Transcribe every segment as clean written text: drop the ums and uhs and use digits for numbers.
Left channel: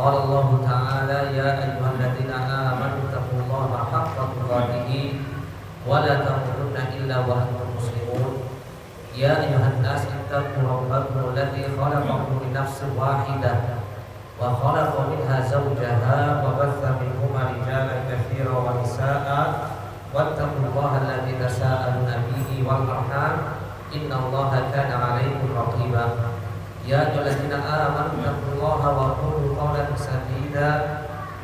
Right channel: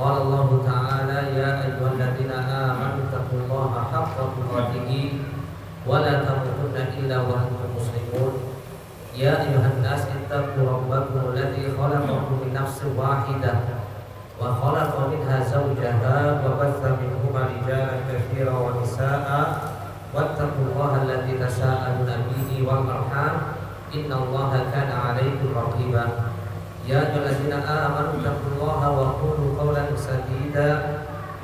قال الله تعالى يا أيها الذين آمنوا اتقوا الله حق تقاته ولا تموتن إلا وأنتم مسلمون يا أيها الناس اتقوا ربكم الذي خلقكم من نفس واحدة وخلق منها زوجها وبث منهما رجالا كثيرا ونساء واتقوا الله الذي تساءلون به والأرحام إن الله كان عليكم رقيبا يا أيها الذين آمنوا اتقوا الله وقولوا قولا سديدا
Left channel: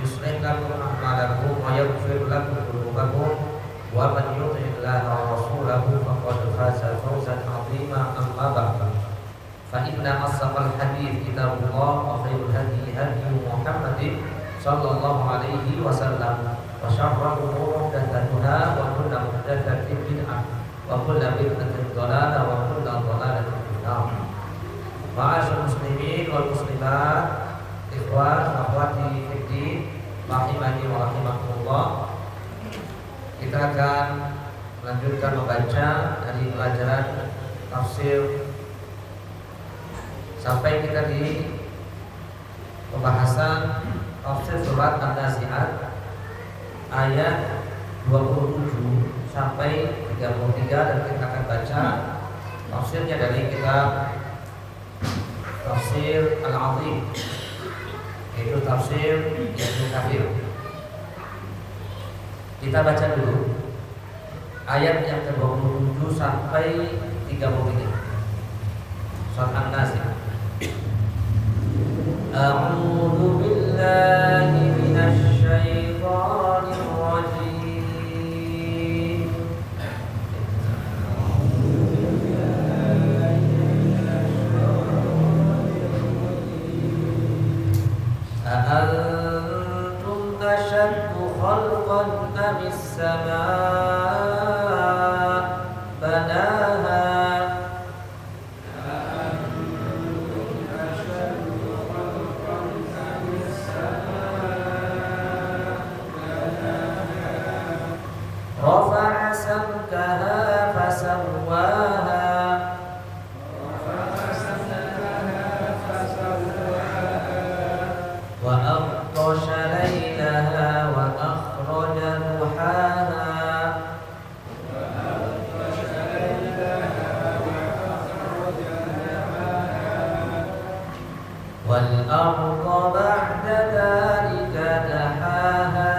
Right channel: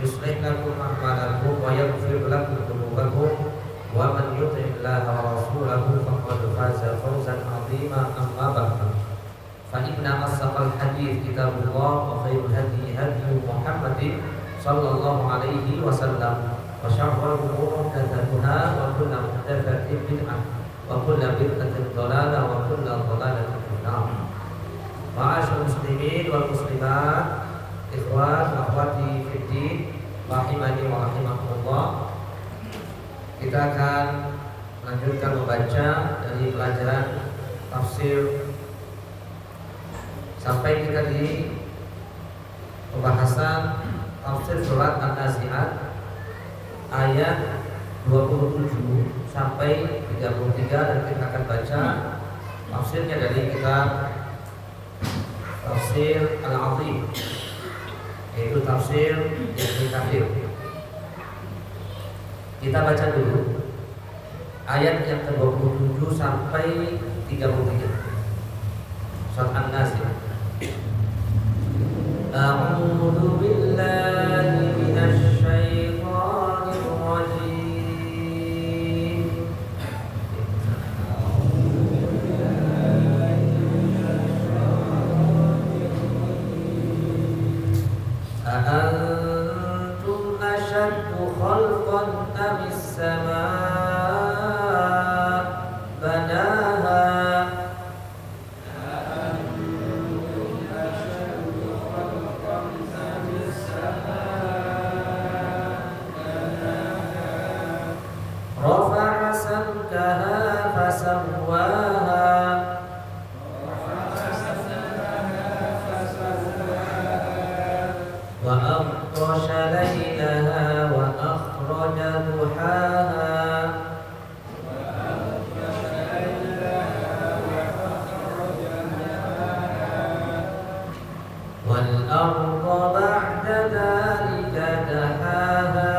يصلح لكم أعمالكم ويغفر لكم ذنوبكم ومن يطع الله ورسوله فقد فاز فوزا عظيما أما بعد فإن أصدق الحديث كتاب الله وخير الهدي هدي محمد صلى الله عليه وسلم وشر الأمور محدثاتها وكل محدثة بدعة وكل بدعة ضلالة وكل ضلالة في النار. Ma'asyarul muslimin wal muslimat, ikhwan akhwati fiddin, rahimani wa rahimakumullah. Kita akan melanjutkan membaca dari pelajaran tafsir sampai kita di pembahasan tafsir surat An-Nazi'at ayat 27 sampai 33, dan kita akan baca tafsirnya dari kitab Tafsir Al-Azim, yaitu tafsir Ibnu Katsir. Kita baca dulu ayat yang ke-27 sampai 33 surat An-Nazi'at. A'udzu billahi minasy syaithanir rajim. أأنتم أشد خلقا أم السماء بناها رفع سمكها فسواها وأغطش ليلها وأخرج ضحاها والأرض بعد ذلك دحاها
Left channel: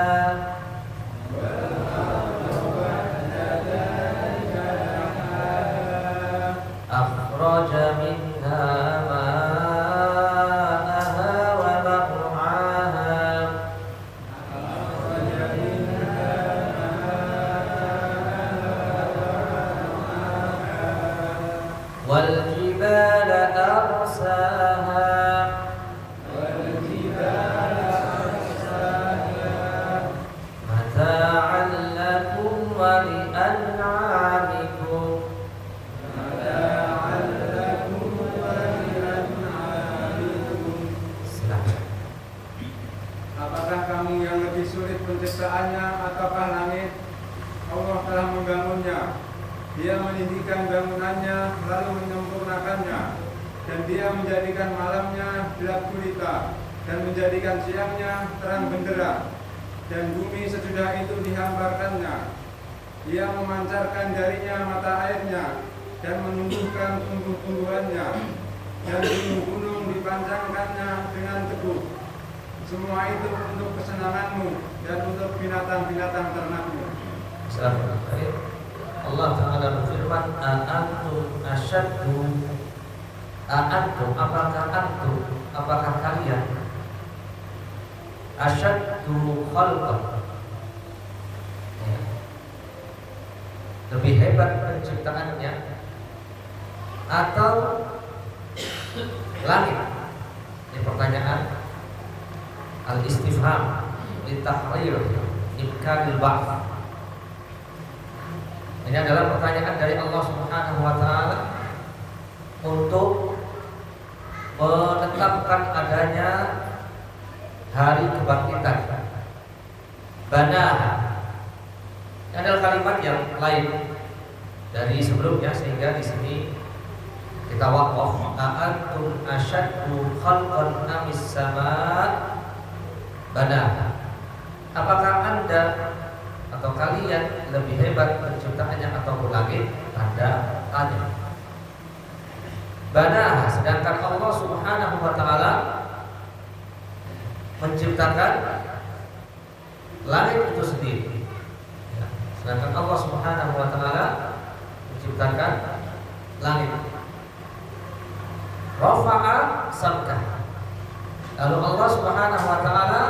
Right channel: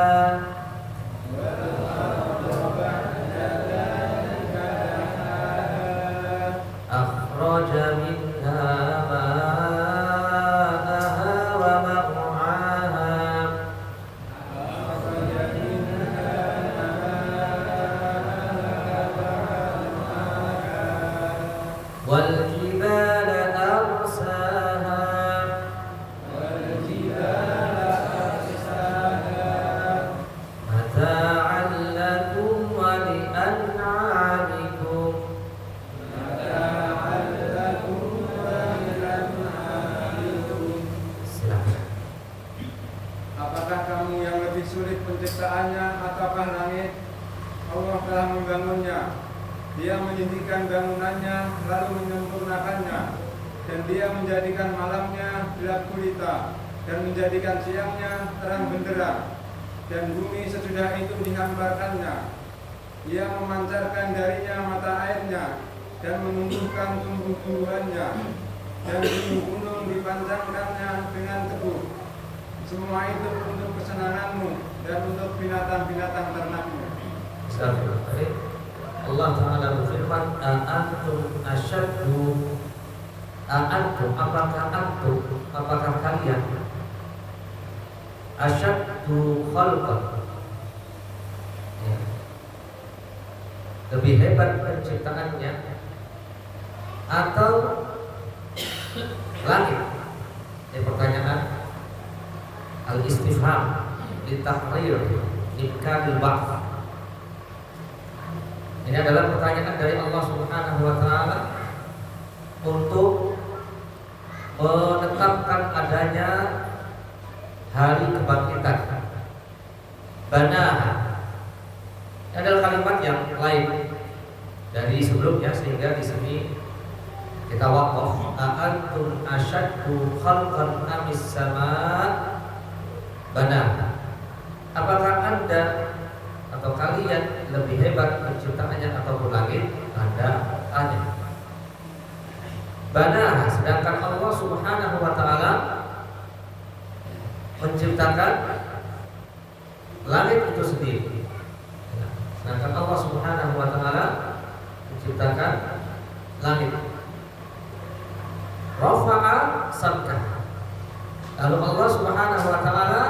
أخرج منها ماءها ومرعاها والجبال أرساها متاعا لكم ولأنعامكم. Silakan. Apakah kamu yang lebih sulit penciptaannya ataukah langit? Allah telah membangunnya. Dia meninggikan bangunannya lalu menyempurnakannya, dan dia menjadikan malamnya gelap gulita dan menjadikan siangnya terang benderang, dan bumi sesudah itu dihamparkannya. Dia memancarkan darinya mata airnya dan menumbuhkan tumbuh-tumbuhannya, dan gunung-gunung dipanjangkannya dengan teguh. Semua itu untuk kesenanganmu dan untuk binatang-binatang ternakmu. Allah Ta'ala berfirman, A'antum asyaddu, A'antum, apakah kalian asyaddu khalqan, ya, lebih hebat penciptaannya, atau langit? Ini pertanyaan al-istifham litahrir imkanil ba'th. Ini adalah pertanyaan dari Allah Subhanahu wa taala untuk menetapkan adanya hari kebangkitan. Banaha. Ini adalah kalimat yang lain dari sebelumnya, sehingga di sini kita waqaf. A'antum asyaddu khalqan amis sama bana. Apakah Anda atau kalian lebih hebat penciptaannya atau langit? Anda tanya. Bana, sedangkan Allah Subhanahu wa taala menciptakan langit itu sendiri. Sedangkan Allah Subhanahu wa taala menciptakan langit. Rafa'a sabkah. Lalu Allah Subhanahu wa taala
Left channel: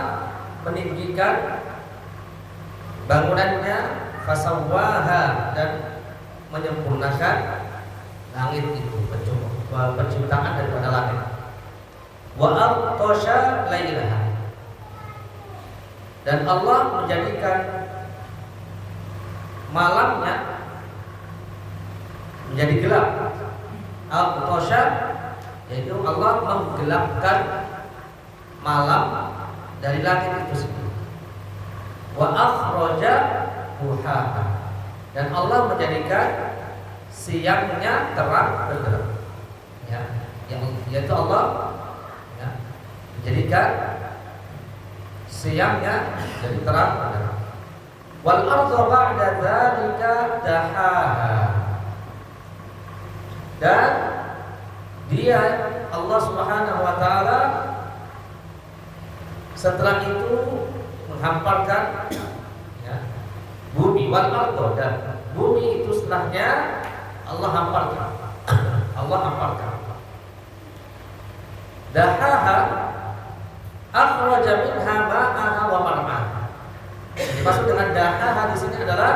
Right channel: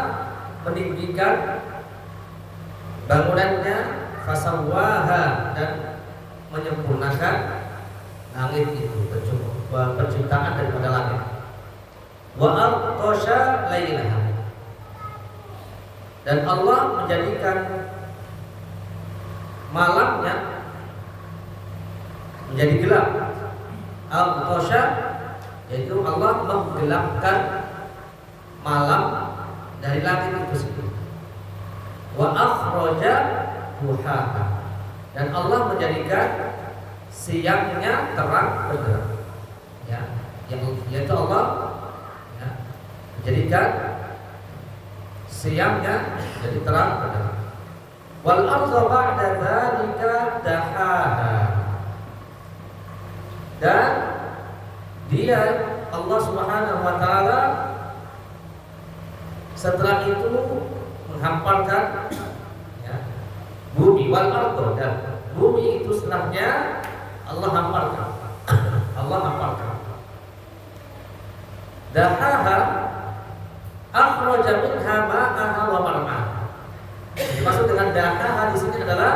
meninggikan bangunannya, fasawwaha, dan menyempurnakan langit itu, penciptaan daripada langit. Wa aqtasha lailaha, dan Allah menjadikan malamnya menjadi gelap. Aqtasha, yaitu Allah menggelapkan malam dari langit itu sendiri. Wa akhraja buhaha, dan Allah menjadikan siangnya terang benderang. Ya, yaitu Allah menjadikan siangnya jadi terang benderang. Wal ardha ba'da dzalika dahaha, dan Dia Allah Subhanahu wa taala setelah itu menghamparkan bumi. Wal ardha, dan bumi itu setelahnya Allah hamparkan. Allah hamparkan. Dahaha akhraja minha ma'aha wa mar'aha. Yang dimaksud dengan dahaha di sini adalah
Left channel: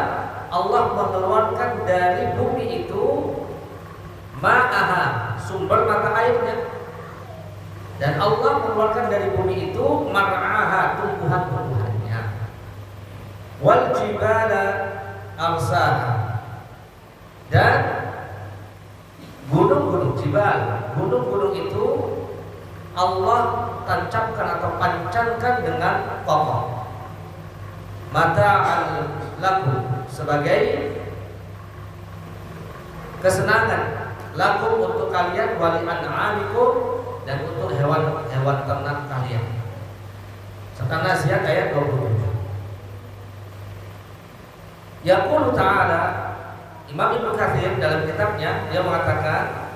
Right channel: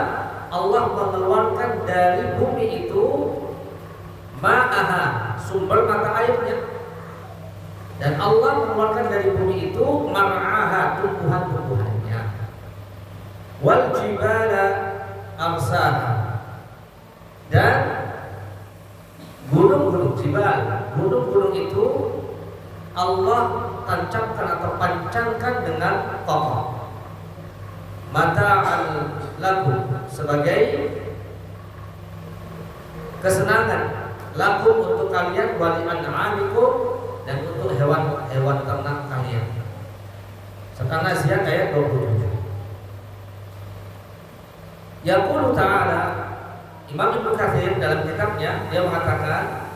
Allah mengeluarkan dari bumi itu ma'aha, sumber mata airnya, dan Allah mengeluarkan dari bumi itu mar'aha, tumbuhan-tumbuhannya. Wal jibala arsaha, dan gunung-gunung, jibal, gunung-gunung itu Allah tancapkan atau pancangkan dengan kokoh. Mata'al lakum, sebagai kesenangan, lakum untuk kalian, wali an'amikum, dan untuk hewan-hewan ternak kalian. Serta Naziat ayat 27. Yaqulu ta'ala, Imam Ibnu Katsir dalam kitabnya dia mengatakan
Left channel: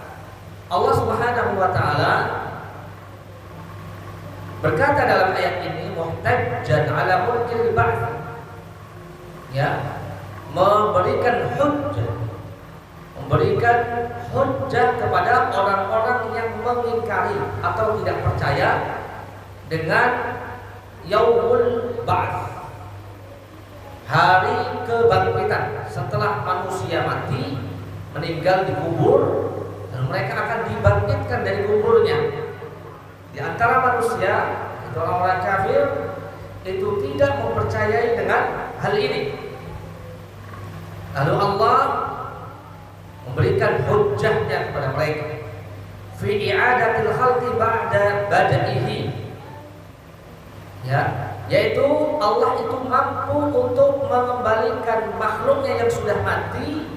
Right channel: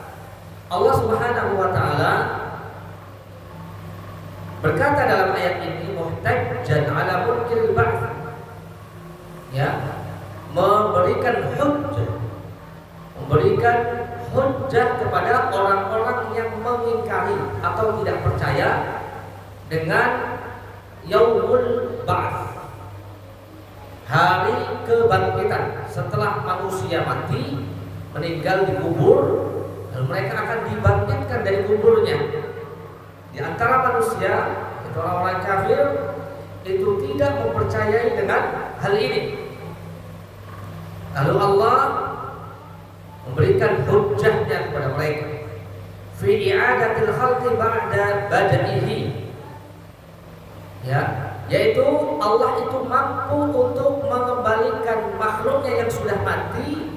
Allah Subhanahu wa taala berkata dalam ayat ini muhtajjan ala mulkil ba'ts, memberikan hujjah kepada orang-orang yang mengingkari atau tidak percaya dengan yaumul ba'ts, hari kebangkitan setelah manusia mati, meninggal, dikubur, dan mereka akan dibangkitkan dari kuburnya. Di antara manusia, itu orang-orang kafir, itu tidak mempercayai dengan hal ini. Lalu Allah memberikan hujjahnya kepada mereka fi i'adatil khalqi ba'da bada'ihi, yaitu Allah itu mampu untuk mengembalikan makhluknya yang sudah mati,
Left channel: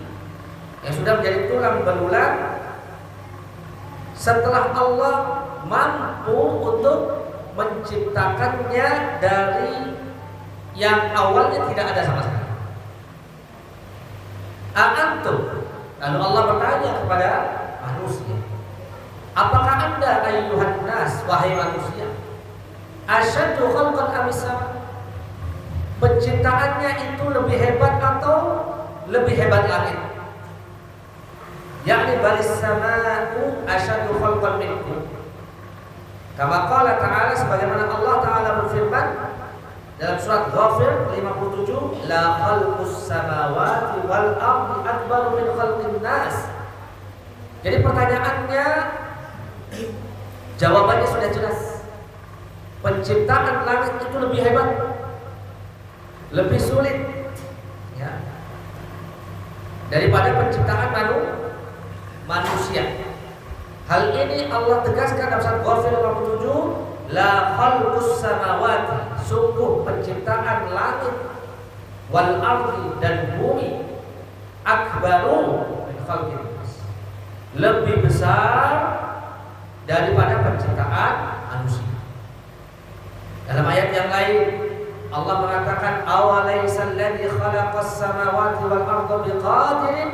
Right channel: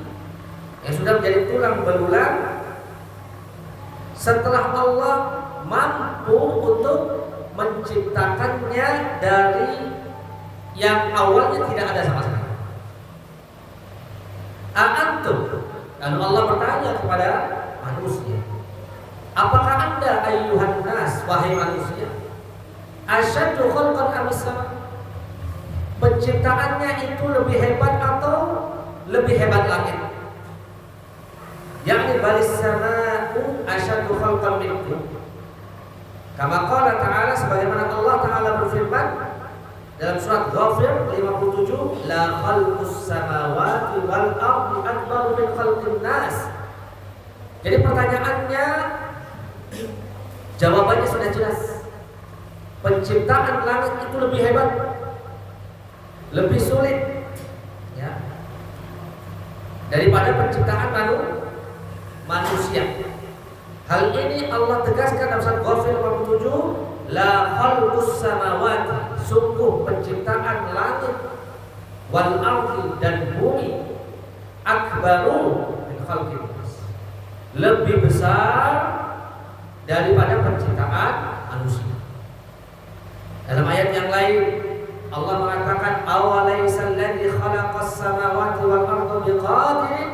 yang sudah menjadi tulang belulang, setelah Allah mampu untuk menciptakannya dari yang awalnya tidak ada sama sekali. A'antum, lalu Allah bertanya kepada manusia, apakah Anda ayyuhan nas, wahai manusia, asyaddu khalqan amis sama, penciptaannya itu lebih hebat atau lebih hebat langit? Yakni balis sama'u asyaddu khalqan minkum, kama qala ta'ala, sebagaimana Allah Ta'ala berfirman dalam surat Ghafir 57, la khalqus samawati wal ardi akbaru min khalqin nas. Jadi pertanyaannya, jawabannya sudah jelas. Penciptaan langit itu lebih hebat, lebih sulit, daripada penciptaan manusia. Hal ini Allah tegaskan dalam surat Ghafir 57, la khalqus samawati, sungguh penciptaan langit, wal ardi, dan bumi, akbaru min khalqin nas, lebih besar daripada penciptaan manusia. Dalam ayat ayat yang lain Allah mengatakan awalaysal ladzi khalaqas samawati wal arda biqadirin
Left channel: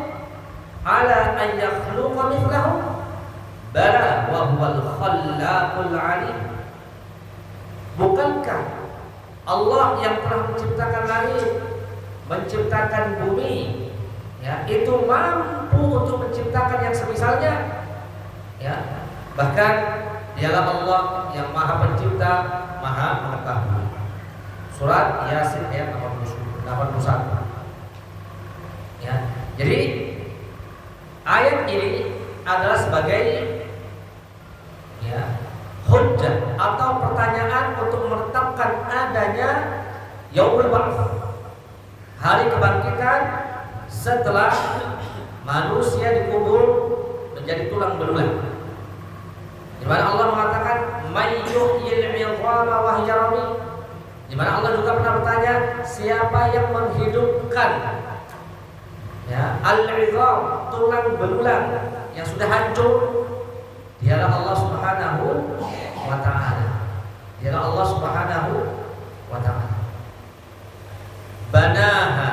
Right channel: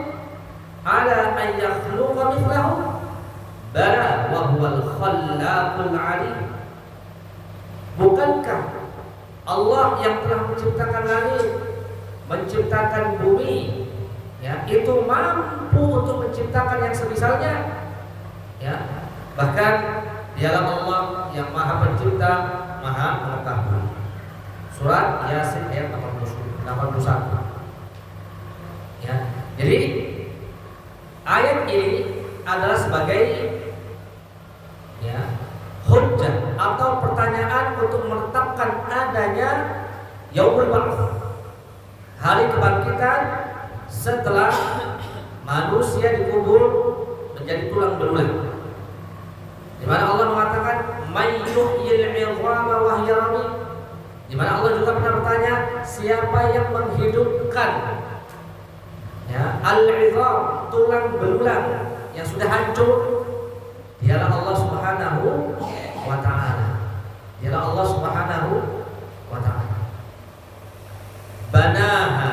ala an yakhluqa mithlahum bala wa huwal khallaqul alim. Bukankah Allah yang telah menciptakan langit, menciptakan bumi, ya, itu mampu untuk menciptakan yang semisalnya, ya. Bahkan dialah Allah yang Maha Pencipta, Maha Mengetahui. Surat Yasin ayat 81. Ya. Jadi ayat ini adalah sebagai, ya, hujjah atau pertanyaan untuk menetapkan adanya yaumul ba'ts, hari kebangkitan setelah manusia dikubur menjadi tulang belulang. Di mana Allah mengatakan mayyuhyil 'idhama wa hiya ramim. Di mana Allah juga pernah bertanya, siapa yang menghidupkan, ya, al-'idham, tulang belulang yang sudah hancur? Dialah Allah Subhanahu wa ta'ala. Dialah Allah Subhanahu wa ta'ala. Banaha,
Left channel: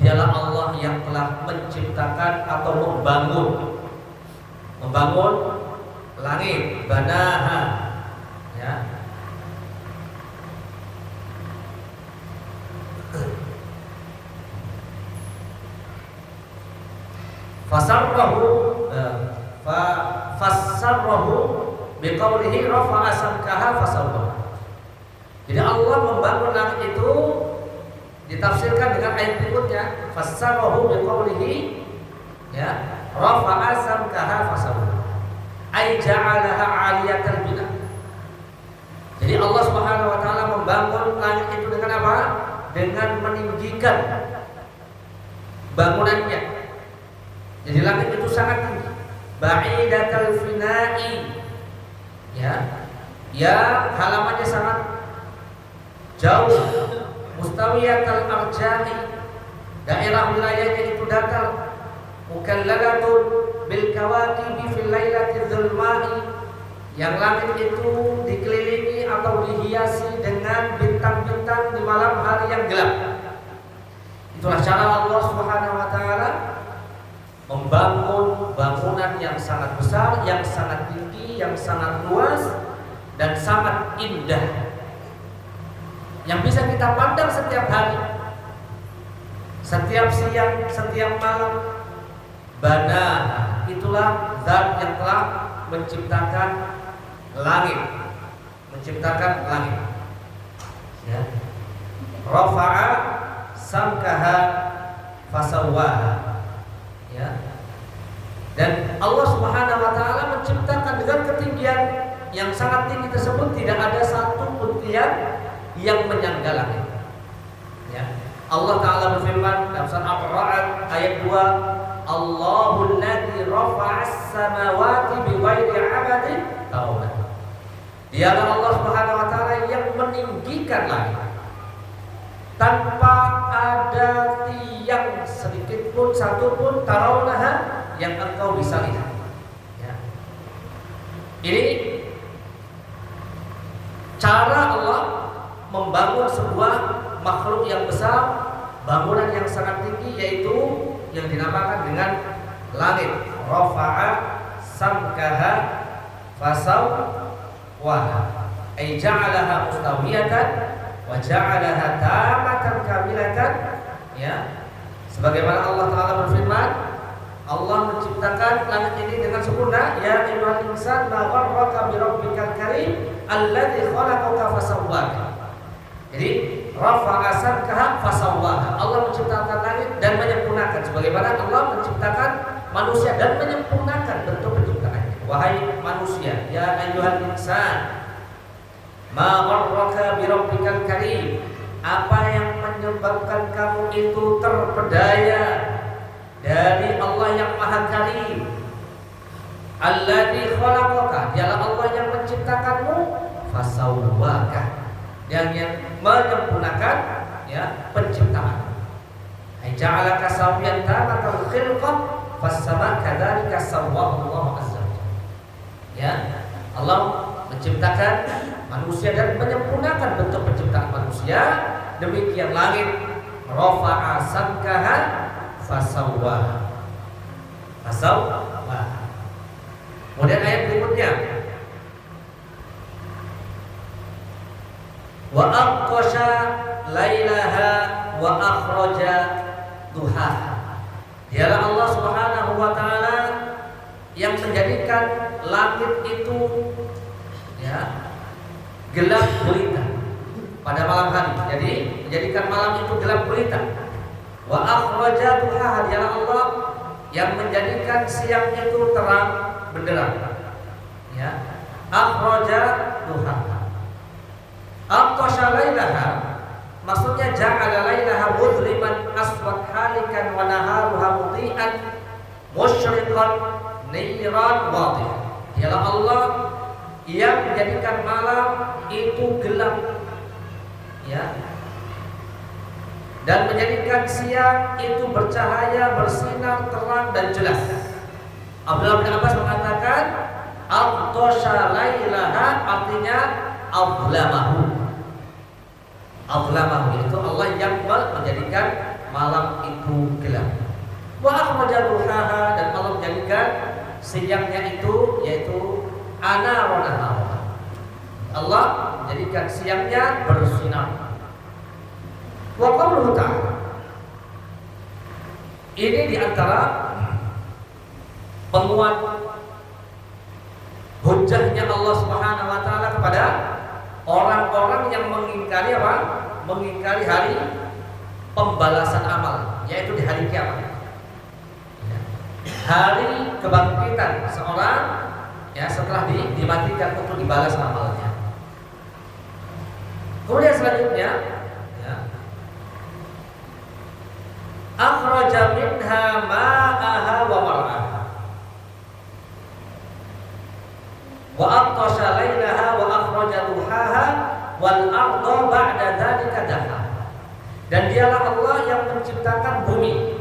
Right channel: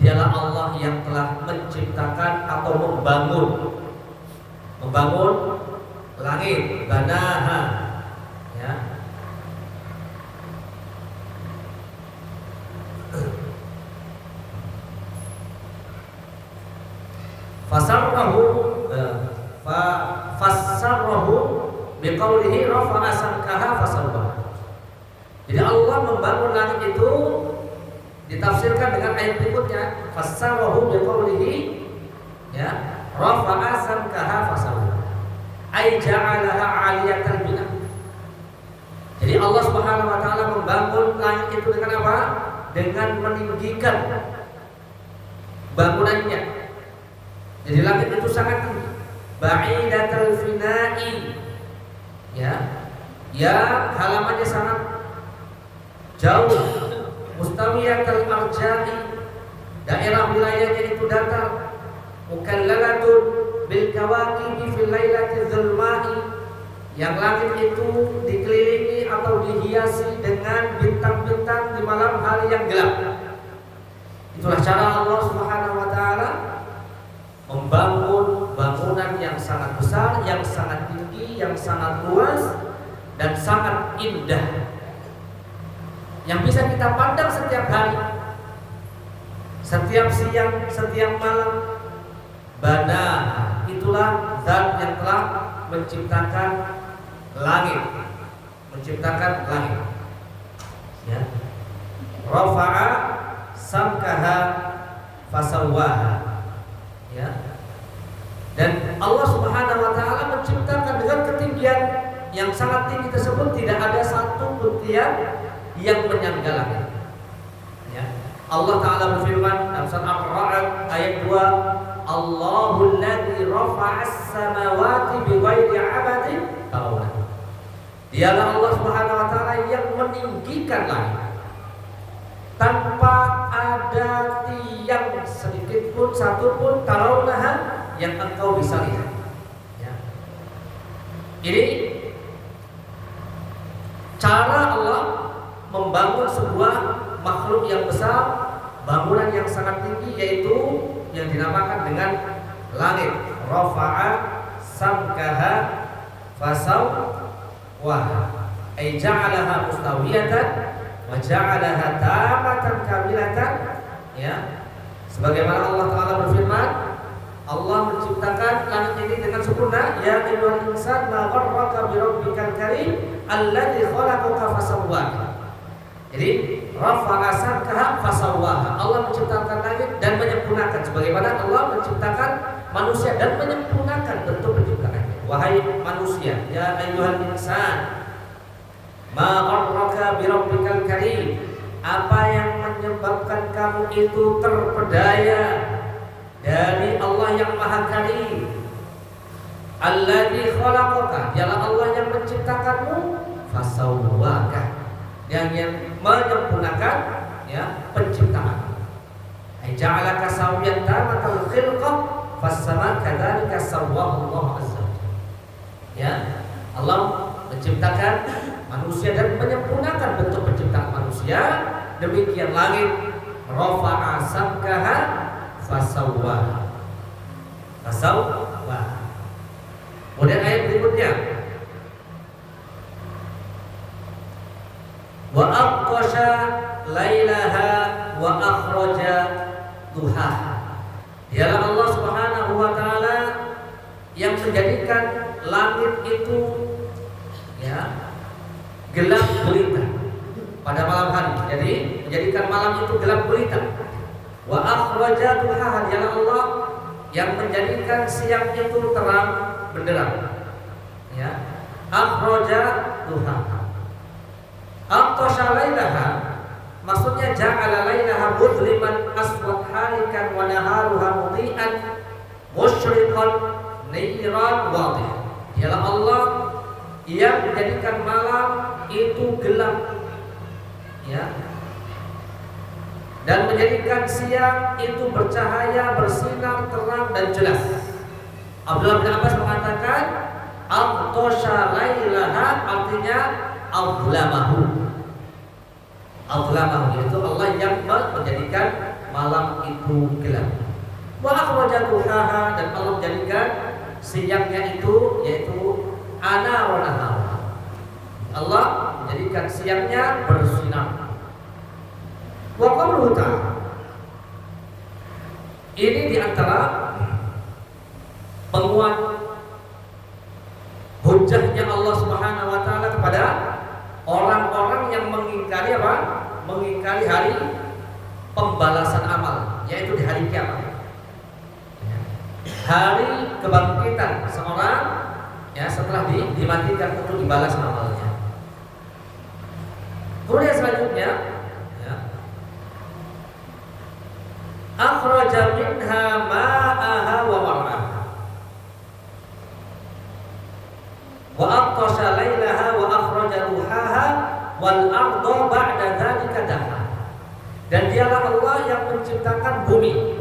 dialah Allah yang telah menciptakan atau membangun langit. Banaha, ya. Fassarahu biqaulihi rafa'a samkaha fasawwaha. Jadi Allah membangun langit itu ditafsirkan dengan ayat berikutnya, fassarahu biqaulihi, ya, rafa'a samkaha fasawwaha, ay ja'alaha 'aliyatan bina. Jadi Allah Subhanahu wa taala membangun langit itu dengan apa? Dengan meninggikan bangunannya. Jadi langit itu sangat tinggi, ba'idatal fina'i, ya, halamannya sangat jauh, mustawiyatal arja'i, daerah wilayahnya itu datar, mukallalatun bil kawakibi fil lailati dzulma'i, yang langit itu dikelilingi atau dihiasi dengan bintang-bintang di malam hari yang gelap. Itulah cara Allah Subhanahu wa taala membangun bangunan yang sangat besar, yang sangat tinggi, yang sangat luas dan sangat indah, yang bisa kita pandang setiap hari, setiap siang, setiap malam. Bana, itulah zat yang telah menciptakan langit, ya. Rafa'a samkaha fasawwaha, ya. Dan Allah Subhanahu wa taala menciptakan dengan ketinggian yang sangat tinggi tersebut, tidak ada satu pun tiang yang menyangga langit, ya. Allah taala berfirman dalam surat Ar-Ra'd ayat 2, Allahul ladzi rafa'as samawati bighairi 'amadin tarawna. Dialah Allah Subhanahu wa taala yang meninggikan langit tanpa ada tiang sedikit pun, satu pun, tarawnaha, yang engkau bisa lihat, ya. Ini cara Allah membangun sebuah makhluk yang besar, bangunan yang sangat tinggi, yaitu yang dinamakan dengan langit. Rafa'a samkaha fasawwaha, ay ja'alaha mustawiyatan wa ja'alaha tamatan kamilatan, ya. Sebagaimana Allah taala berfirman, Allah menciptakan langit ini dengan sempurna. Ya ayyuhal insan ma gharraka bi rabbikal karim alladzi khalaqaka fasawwaka. Jadi rafa'a samkaha fasawwaha, Allah menciptakan langit dan menyempurnakan, sebagaimana Allah menciptakan manusia dan menyempurnakan bentuk penciptaannya. Wahai manusia, ya ayyuhal insan ma gharraka bi rabbikal karim, apa yang menyebabkan kamu itu terpedaya dari Allah yang Maha Karim. Alladzi khalaqaka, dialah Allah yang menciptakanmu, fasawwaka, yang menyempurnakan, ya, penciptaan. Ai ja'alaka sawiyan tamatal khilqah fas-sama kadzalika sawwahu Allah azza wa jalla. Ya, Allah menciptakan manusia dan menyempurnakan bentuk ya, demikian langit, rafa'a samkaha fasawwaha. Kemudian ayat berikutnya, wa aqsha lailaha wa akhraja duhaha. Dialah Allah Subhanahu wa taala yang menjadikan langit itu ya gelap gulita pada malam hari. Jadi menjadikan malam itu gelap gulita. Wa akhraja duhaha. Dialah Allah yang menjadikan siang itu terang benderang. Ya. Akhraja duhaha. Aqtasha lailaha, maksudnya ja'ala lailaha mudhliman aswad halikan wa naharuha mudhi'an musyriqan niran wadih. Dialah Allah yang menjadikan malam itu gelap, ya, dan menjadikan siang itu bercahaya, bersinar, terang dan jelas. Abdullah bin Abbas mengatakan aqtasha lailaha artinya azlamahu. Azlamahu yaitu Allah yang menjadikan malam itu gelap. Wa akhraja duhaha, dan Allah menjadikan siangnya itu yaitu anar wa nahar. Allah menjadikan siangnya bersinar. Wa qauluhu ta'ala, ini diantara penguat hujahnya Allah Subhanahu wa taala kepada orang-orang yang mengingkari apa? Mengingkari hari pembalasan amal, yaitu di hari kiamat. Ya. Hari kebangkitan seorang ya setelah dimatikan untuk dibalas amalnya. Kemudian selanjutnya ya, akhraja minha ma'aha wa mar'aha wa aqtasha lailaha wa akhraja duhaha wal arda ba'da dzalika daha. Dan dialah Allah yang menciptakan bumi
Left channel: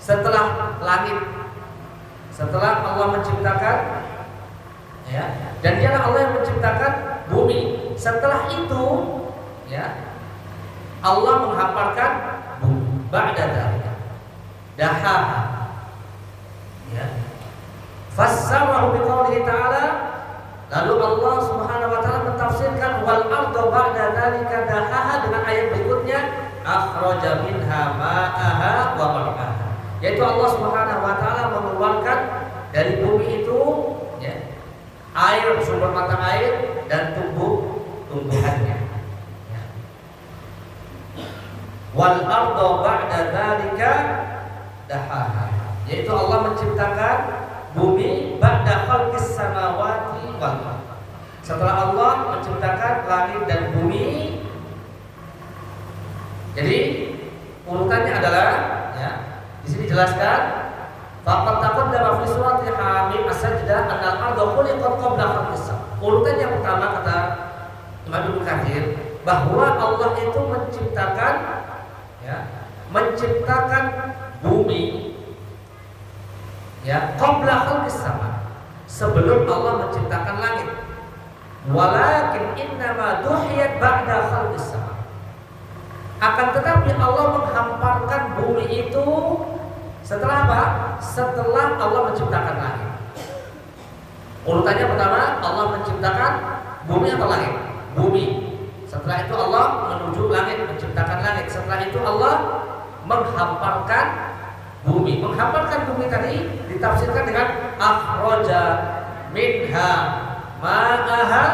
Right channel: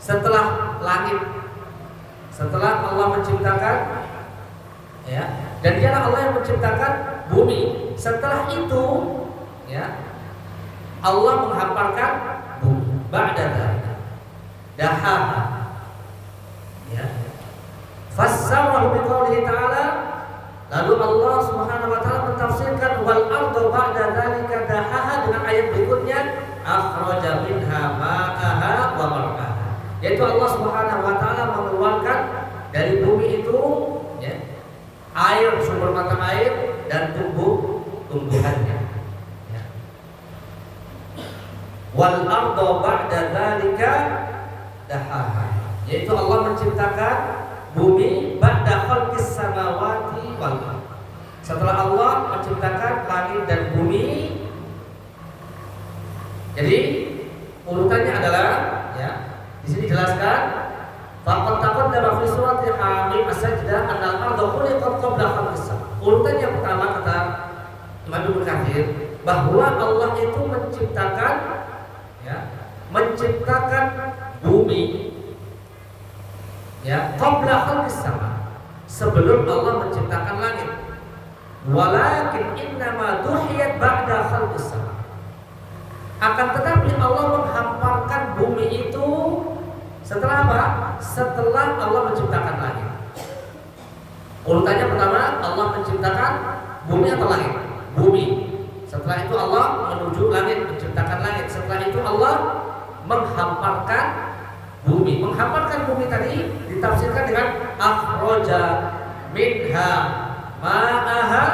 setelah langit. Setelah Allah menciptakan ya, dan dialah Allah yang menciptakan bumi. Setelah itu ya, Allah menghamparkan bumi ba'da dzalika daha. Ya. Fassarahu biqaulihi ta'ala, lalu Allah Subhanahu wa taala mentafsirkan wal arda ba'da dzalika dahaha dengan ayat berikutnya akhraja minha ma'aha wa mar'aha, yaitu Allah Subhanahu wa taala mengeluarkan dari bumi itu ya, air, sumber mata air dan tumbuhannya ya. Wal arda ba'da dzalika dahaha, yaitu Allah menciptakan bumi ba'da khalqis samawati wal ardh, setelah Allah menciptakan langit dan bumi. Jadi urutannya adalah ya, di sini jelaskan taqaddama fi surati Hamim as-sajdah annal ardha khuliqat qabla khalqis sam. Urutan yang pertama kata Imam Ibnu Katsir bahwa Allah itu menciptakan ya, menciptakan bumi ya qabla khalqis sama, sebelum Allah menciptakan langit. Walakin innama duhiyat ba'da khalqis sama, akan tetapi Allah menghamparkan bumi itu setelah apa? Setelah Allah menciptakan langit. Urutannya pertama Allah menciptakan bumi atau langit? Bumi. Setelah itu Allah menuju langit, menciptakan langit. Setelah itu Allah menghamparkan bumi. Menghamparkan bumi tadi ditafsirkan dengan akhraja minha ma'aha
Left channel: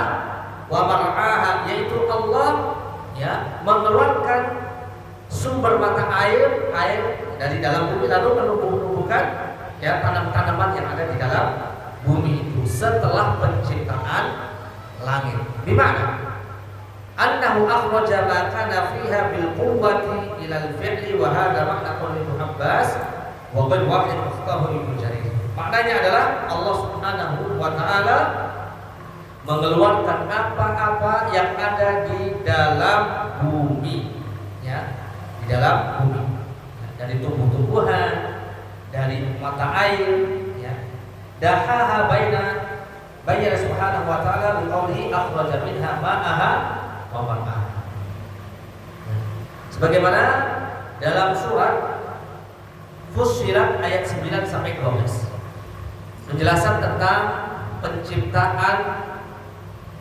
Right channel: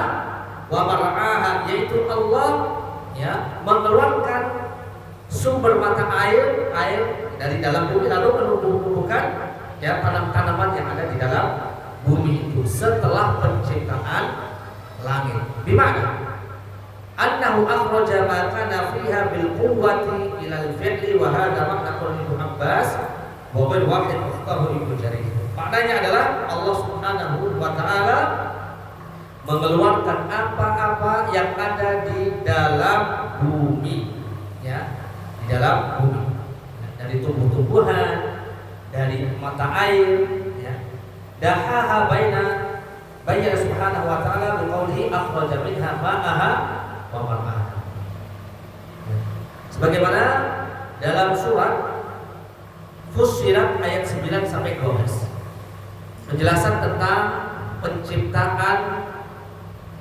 wa mar'aha, yaitu Allah ya mengeluarkan sumber mata air dari dalam bumi lalu menumbuhkan ya tanam-tanaman yang ada di dalam bumi itu setelah penciptaan langit. Bimana? Annahu akhraja ma kana fiha bil quwwati ila al fi'li wa hadha makna qauli Ibnu Abbas wa ghayr wahid mukhtahu Ibnu Jarir. Maknanya adalah Allah Subhanahu wa taala mengeluarkan apa-apa yang ada di dalam bumi ya, di dalam bumi ya, dari tumbuh-tumbuhan, dari mata air ya. Dahaha bayyana subhanahu wa ta'ala biqaulihi akhraja minha ma'aha wa mar'aha. Sebagaimana dalam surat Fussilat ayat 9 sampai 12. Penjelasan tentang penciptaan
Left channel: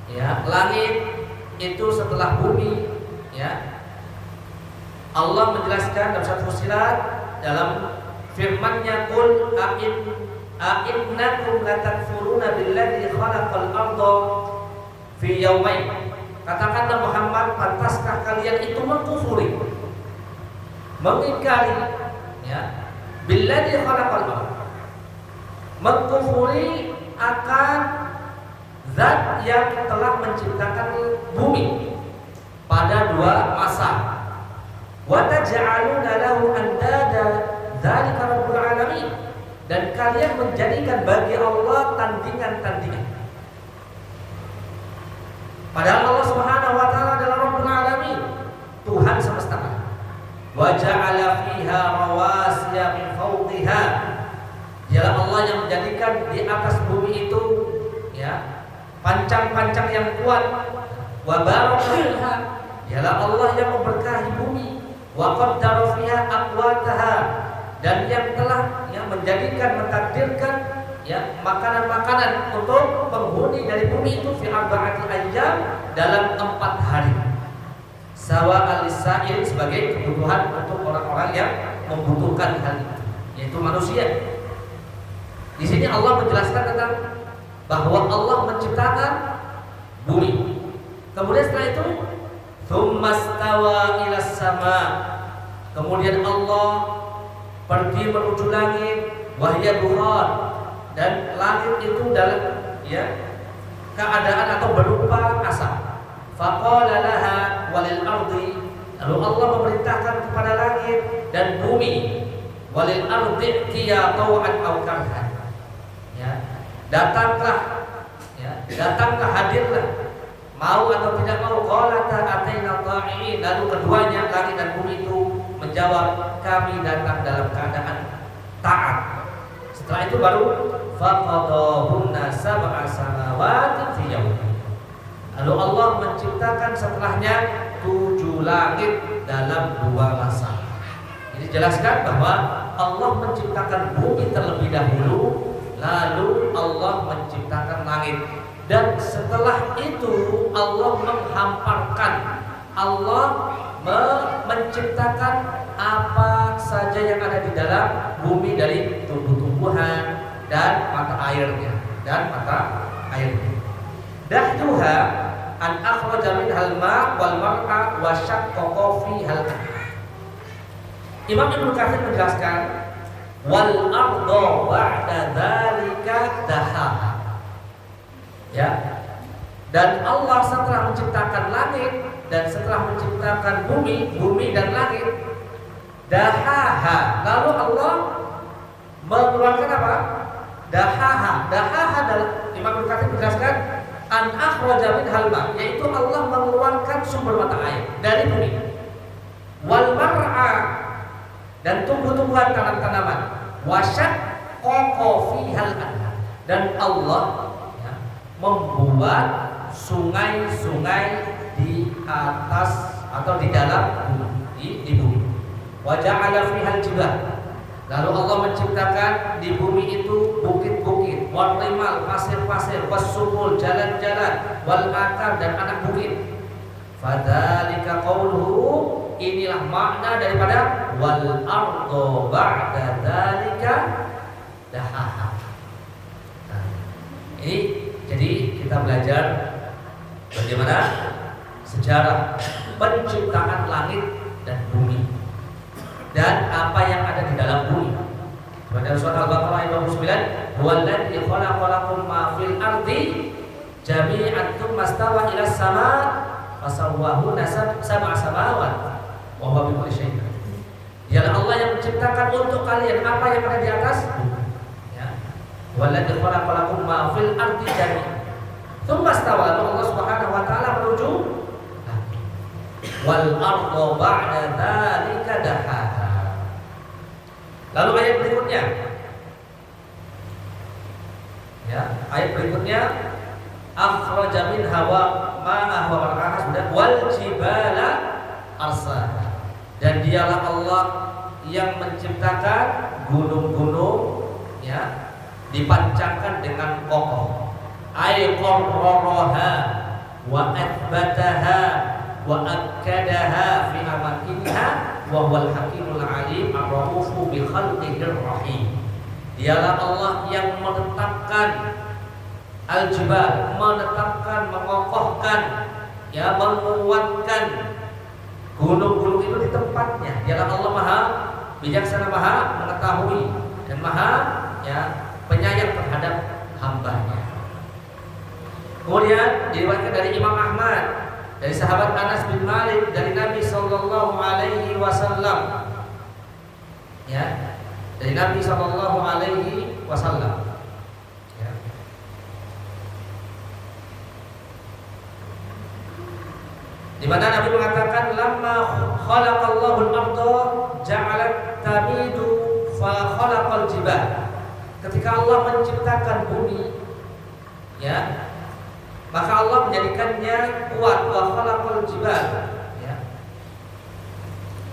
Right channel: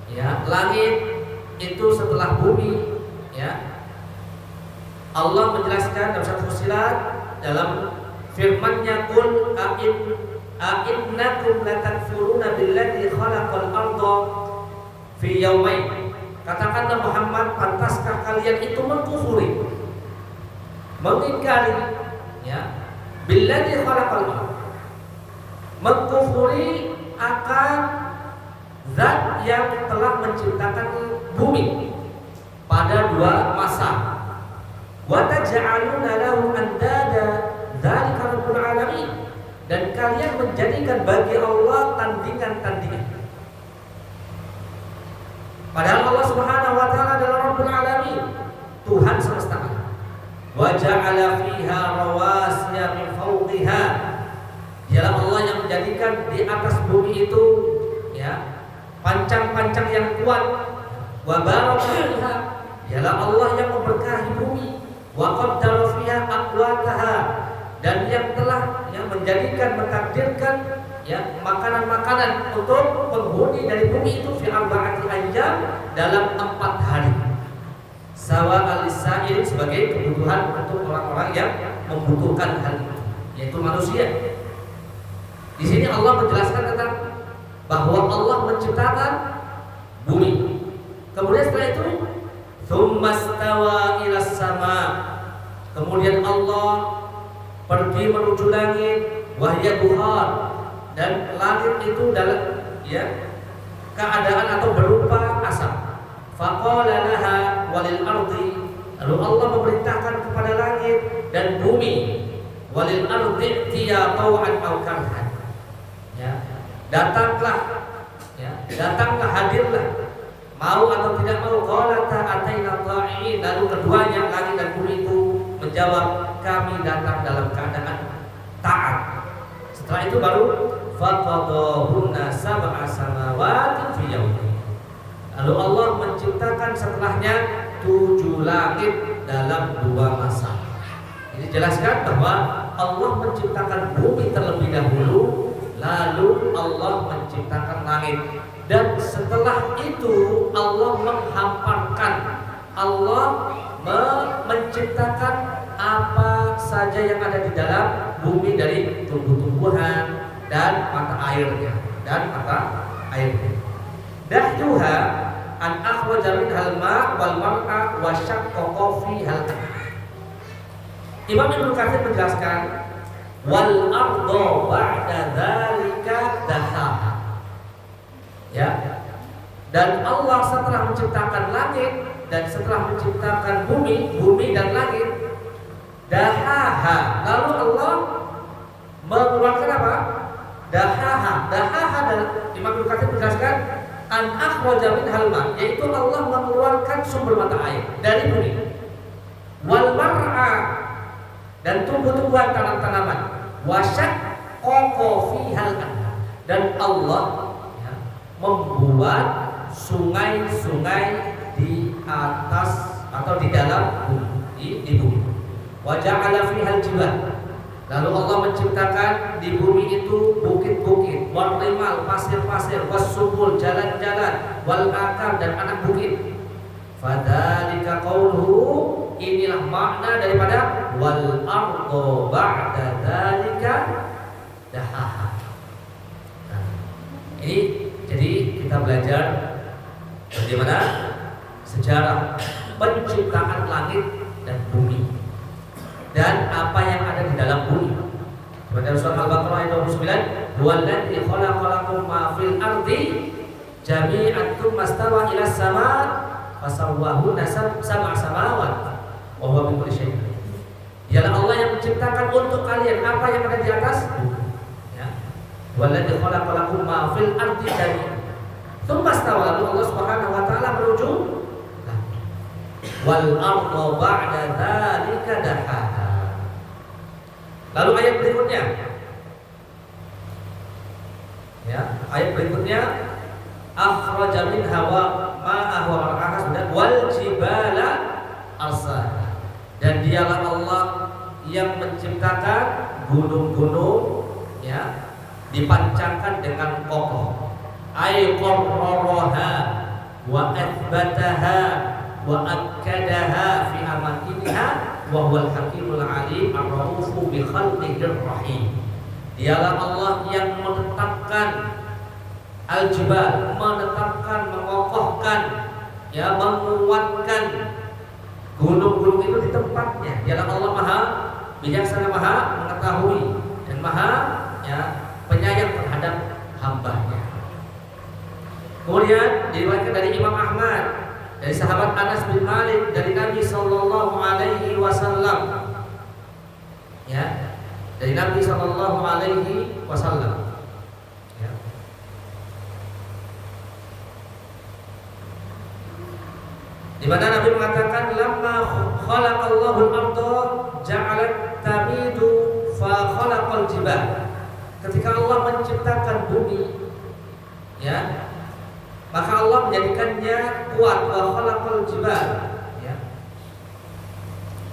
ya, langit itu setelah bumi ya. Allah menjelaskan dalam surat Fussilat dalam firman-Nya qul a'innakum latakfuruna billadzi khalaqal arda fi yaumain. Katakanlah Muhammad, pantaskah kalian itu mengkufuri, mengingkari ya, billadzi khalaqal arda, mengkufuri akan zat yang telah menciptakan bumi pada 2 masa. Wa taj'aluna lahu andada dzalika rabbul alamin, dan kalian menjadikan bagi Allah tandingan-tandingan. Padahal Allah Subhanahu wa taala adalah Rabbul Alamin, Tuhan semesta alam. Wa ja'ala fiha rawasiya min fawqiha. Dialah Allah yang menjadikan di atas bumi itu ya, pancang-pancang yang kuat. Wa baraka fiha. Dialah Allah yang memberkahi bumi. Wa qaddara fiha aqwataha, dan yang telah yang menjadikan, mentakdirkan ya makanan-makanan untuk penghuni dari bumi itu fi arba'ati ayyam, dalam 4 hari. Sawa al-sa'il, sebagai kebutuhan untuk orang-orang yang membutuhkan hal itu, yaitu manusia. Di sini Allah menjelaskan tentang bahwa Allah menciptakan bumi. Kemudian setelah itu tsummastawa ilas sama. Kemudian Allah pergi menuju langit, wahya duhan, dan langit itu dalam ya keadaan atau berupa asap. Faqala laha walil ardi, lalu Allah memerintahkan kepada langit dan bumi, walil ardi tiya tau'an aw karhan, ya datanglah, ya datanglah, hadirlah, mau atau tidak mau. Qalata ataina ta'iin, lalu keduanya langit dan bumi itu menjawab, kami datang dalam keadaan taat. Setelah itu baru faqadahunna sab'a samawati fi yawmin. Lalu Allah menciptakan setelahnya 7 langit dalam 2 masa. Ini jelaskan bahwa Allah menciptakan bumi terlebih dahulu, lalu Allah menciptakan langit, dan setelah itu Allah menghamparkan, Allah menciptakan apa saja yang ada di dalam bumi dari tumbuh-tumbuhan dan mata airnya Dahjuha an akhraja minhal ma' wal mar'a wa syaqqa fihal. Imam Ibnu Katsir menjelaskan wal ardo ba'da dzalika dahaha. Ya. Dan Allah setelah menciptakan langit dan setelah menciptakan bumi dan langit, dahaha, lalu Allah mengeluarkan apa? Dahaha dalam Imam Ibnu Katsir menjelaskan an akhraja minhal ma', yaitu Allah mengeluarkan sumber mata air dari bumi, wal mar'a, dan tumbuh-tumbuhan, tanam-tanaman, wasyaqqa fihal anhar, dan Allah ya, membuat sungai-sungai di atas atau di dalam bumi, di bumi. Wa ja'ala fihal jibal, lalu Allah menciptakan di bumi itu bukit-bukit, wal rimal, pasir-pasir, wasubul, jalan-jalan, wal akam, dan anak bukit. Fadzalika qauluhu, inilah makna daripada wal ardo ba'da dzalika dahaha. Nah, ini jadi kita belajar bagaimana sejarah penciptaan langit dan bumi dan apa yang ada di dalam bumi. Pada surat Al-Baqarah ayat 29, huwallazi khalaqalakum ma fil ardi jami'an tsumma stawa ila sama' fasawwahunna sab'a samawat wa huwa bikulli syai'in. Dialah Allah yang menciptakan untuk kalian apa yang ada di atas bumi. Ya. Huwallazi khalaqalakum ma fil ardi jami'an tsumma stawa, lalu Allah Subhanahu wa taala menuju wal arda ba'da dzalika dahaha. Lalu ayat berikutnya, ya, ayat berikutnya akhraja minha wa ma'aha wa mar'aha sudah wal jibala arsaha. Dan dialah Allah yang menciptakan gunung-gunung, ya, dipancangkan dengan kokoh. Ay qarraraha wa athbataha wa akkadaha fi amakiniha wa huwal hakimul alim ar-raufu bi khalqihir rahim. Dialah Allah yang menetapkan al-jibal, menetapkan, mengokohkan, ya, menguatkan gunung-gunung itu di tempatnya. Dialah Allah Maha bijaksana, Maha mengetahui, dan Maha, ya, penyayang terhadap hambanya. Kemudian diriwayatkan dari Imam Ahmad, dari sahabat Anas bin Malik, dari Nabi Sallallahu Alaihi Wasallam, ya, dari Nabi Sallallahu Alaihi Wasallam, ya. Di mana Nabi mengatakan, lamma khalaqallahu al-ardha ja'alat tamidu fa khalaqal jibal. Ketika Allah menciptakan bumi, ya, maka Allah menjadikannya kuat. Wa khalaqal jibal, ya.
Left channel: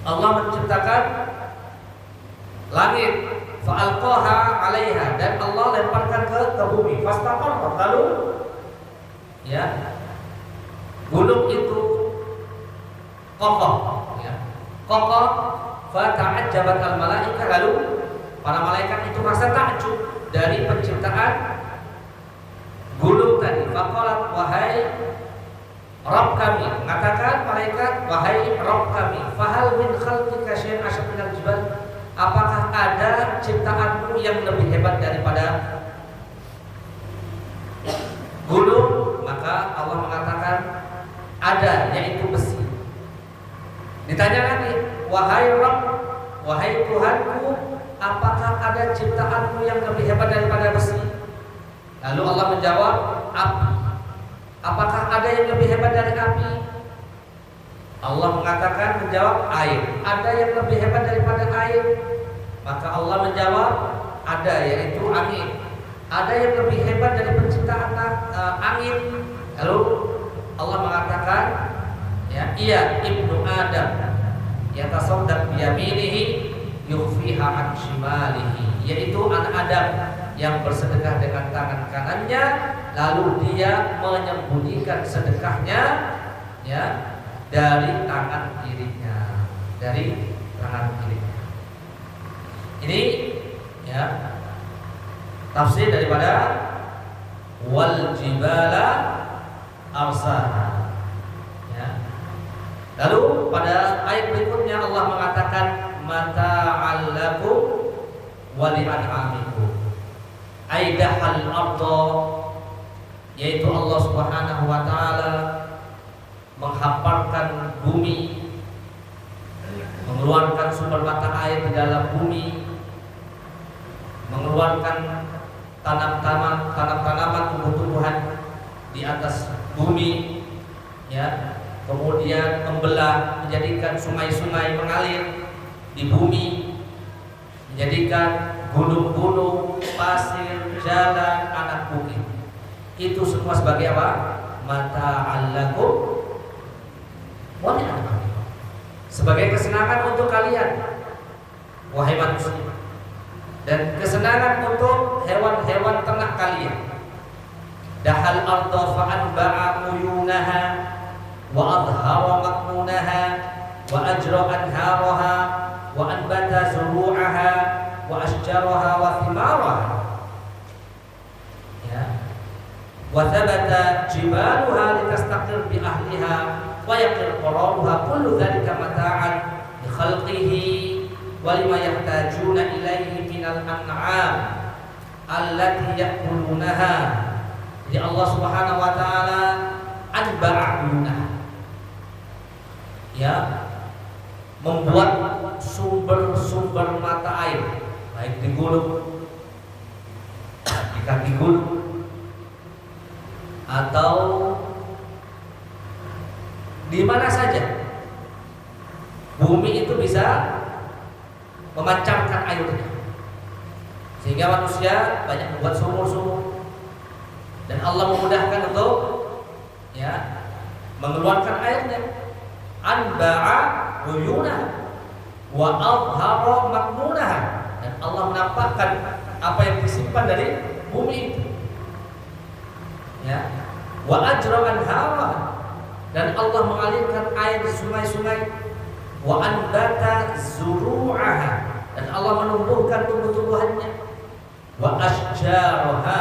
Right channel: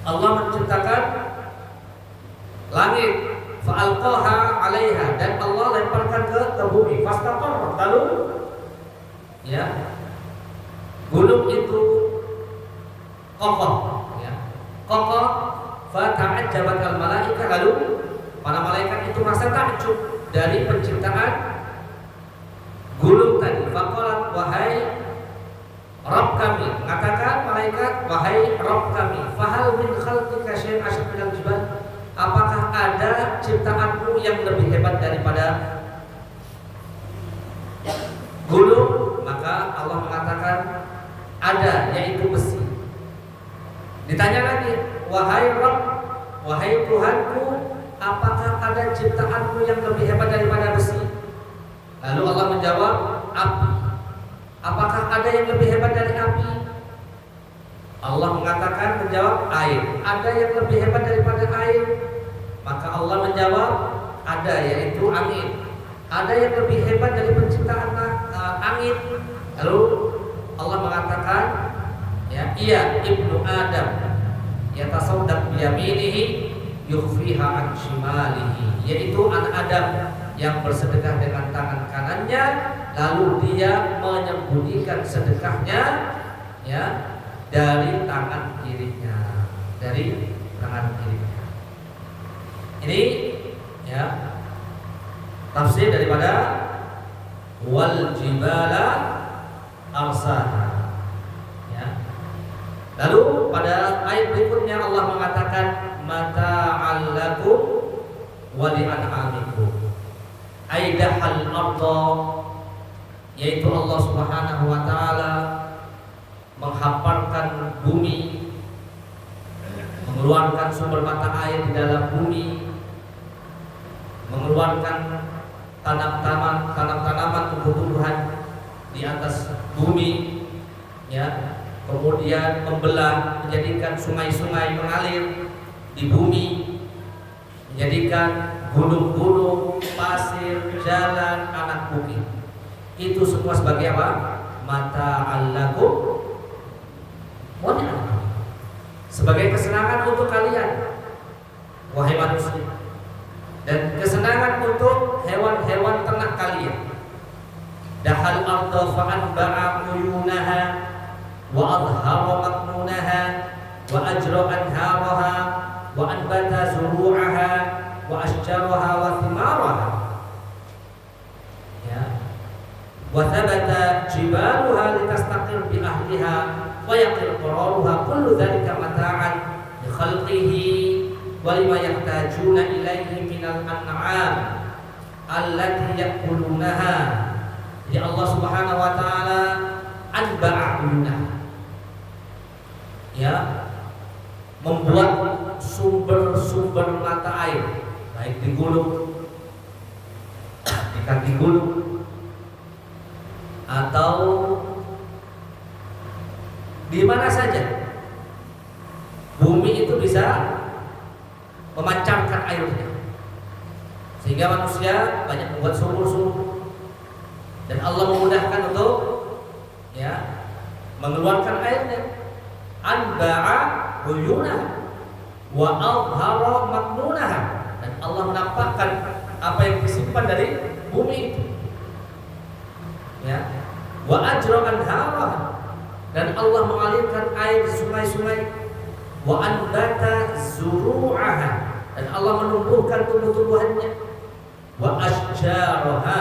Allah menciptakan langit, fa alqaha 'alaiha, dan Allah lemparkan ke bumi. Fastaqarrat, lalu, ya, gunung itu kokoh, ya, kokoh. Fa ta'ajjabat al malaika, lalu para malaikat itu rasa takjub dari penciptaan gunung tadi. Faqalat, wahai Rabb kami, mengatakan malaikat, wahai Rabb kami, fahal min khalqika syai'un asyad minal jibal, apakah ada ciptaanmu yang lebih hebat daripada gunung? Maka Allah mengatakan ada, yaitu besi. Ditanya lagi, wahai Rabb, wahai Tuhanku, apakah ada ciptaanmu yang lebih hebat daripada besi? Lalu Allah menjawab, api. Apakah ada yang lebih hebat dari api? Allah mengatakan, menjawab, air. Ada yang lebih hebat daripada air? Maka Allah menjawab, ada, yaitu angin. Ada yang lebih hebat dari penciptaan angin? Lalu Allah mengatakan, ya, iya, ibnu Adam yatasaddaq biyaminihi yukhfiha an shimalihi, yaitu anak Adam yang bersedekah dengan tangan kanannya, lalu dia menyembunyikan sedekahnya, ya, dari tangan kirinya, dari tangan kirinya. Ini, ya, tafsir daripada wal jibala arsaha, ya. Lalu pada ayat berikutnya Allah mengatakan mata'al lakum wa li'an'amikum, aidahal arda, yaitu Allah Subhanahu wa taala menghamparkan bumi, mengeluarkan sumber mata air di dalam bumi, mengeluarkan tanaman tumbuh-tumbuhan di atas bumi, ya, kemudian membelah, menjadikan sungai-sungai mengalir di bumi, menjadikan gunung-gunung, pasir, jalan, anak bukit. Itu semua sebagai apa? Mata'al lakum wa li'an'amikum, sebagai kesenangan untuk kalian, wahai manusia, dan kesenangan untuk hewan-hewan ternak kalian. Dahal arda fa'anba'a uyunaha wa adhara makmunaha wa ajra anharaha wa anbata zuru'aha wa asjaraha wa thimaraha, ya, wa thabata jibaluha litastaqir bi ahliha wa yaqir qararuha, kullu dhalika mata'an li khalqihi wa lima yahtajuna ilaihi minal an'am allati ya'kulunaha. Jadi Allah Subhanahu wa taala anba'ahunah, ya, membuat sumber-sumber mata air, baik di gunung, di kaki gunung, atau di mana saja. Bumi itu bisa memancarkan airnya, sehingga manusia banyak membuat sumur-sumur, dan Allah memudahkan untuk, ya, mengeluarkan airnya. Anba'a uyunah, wa azhara maknunaha, dan Allah menampakkan apa yang disimpan dari bumi itu. Ya, wa ajra anharaha, dan Allah mengalirkan air di sungai-sungai. Wa anbata zuru'aha, dan Allah menumbuhkan tumbuh-tumbuhannya. Wa asjaraha,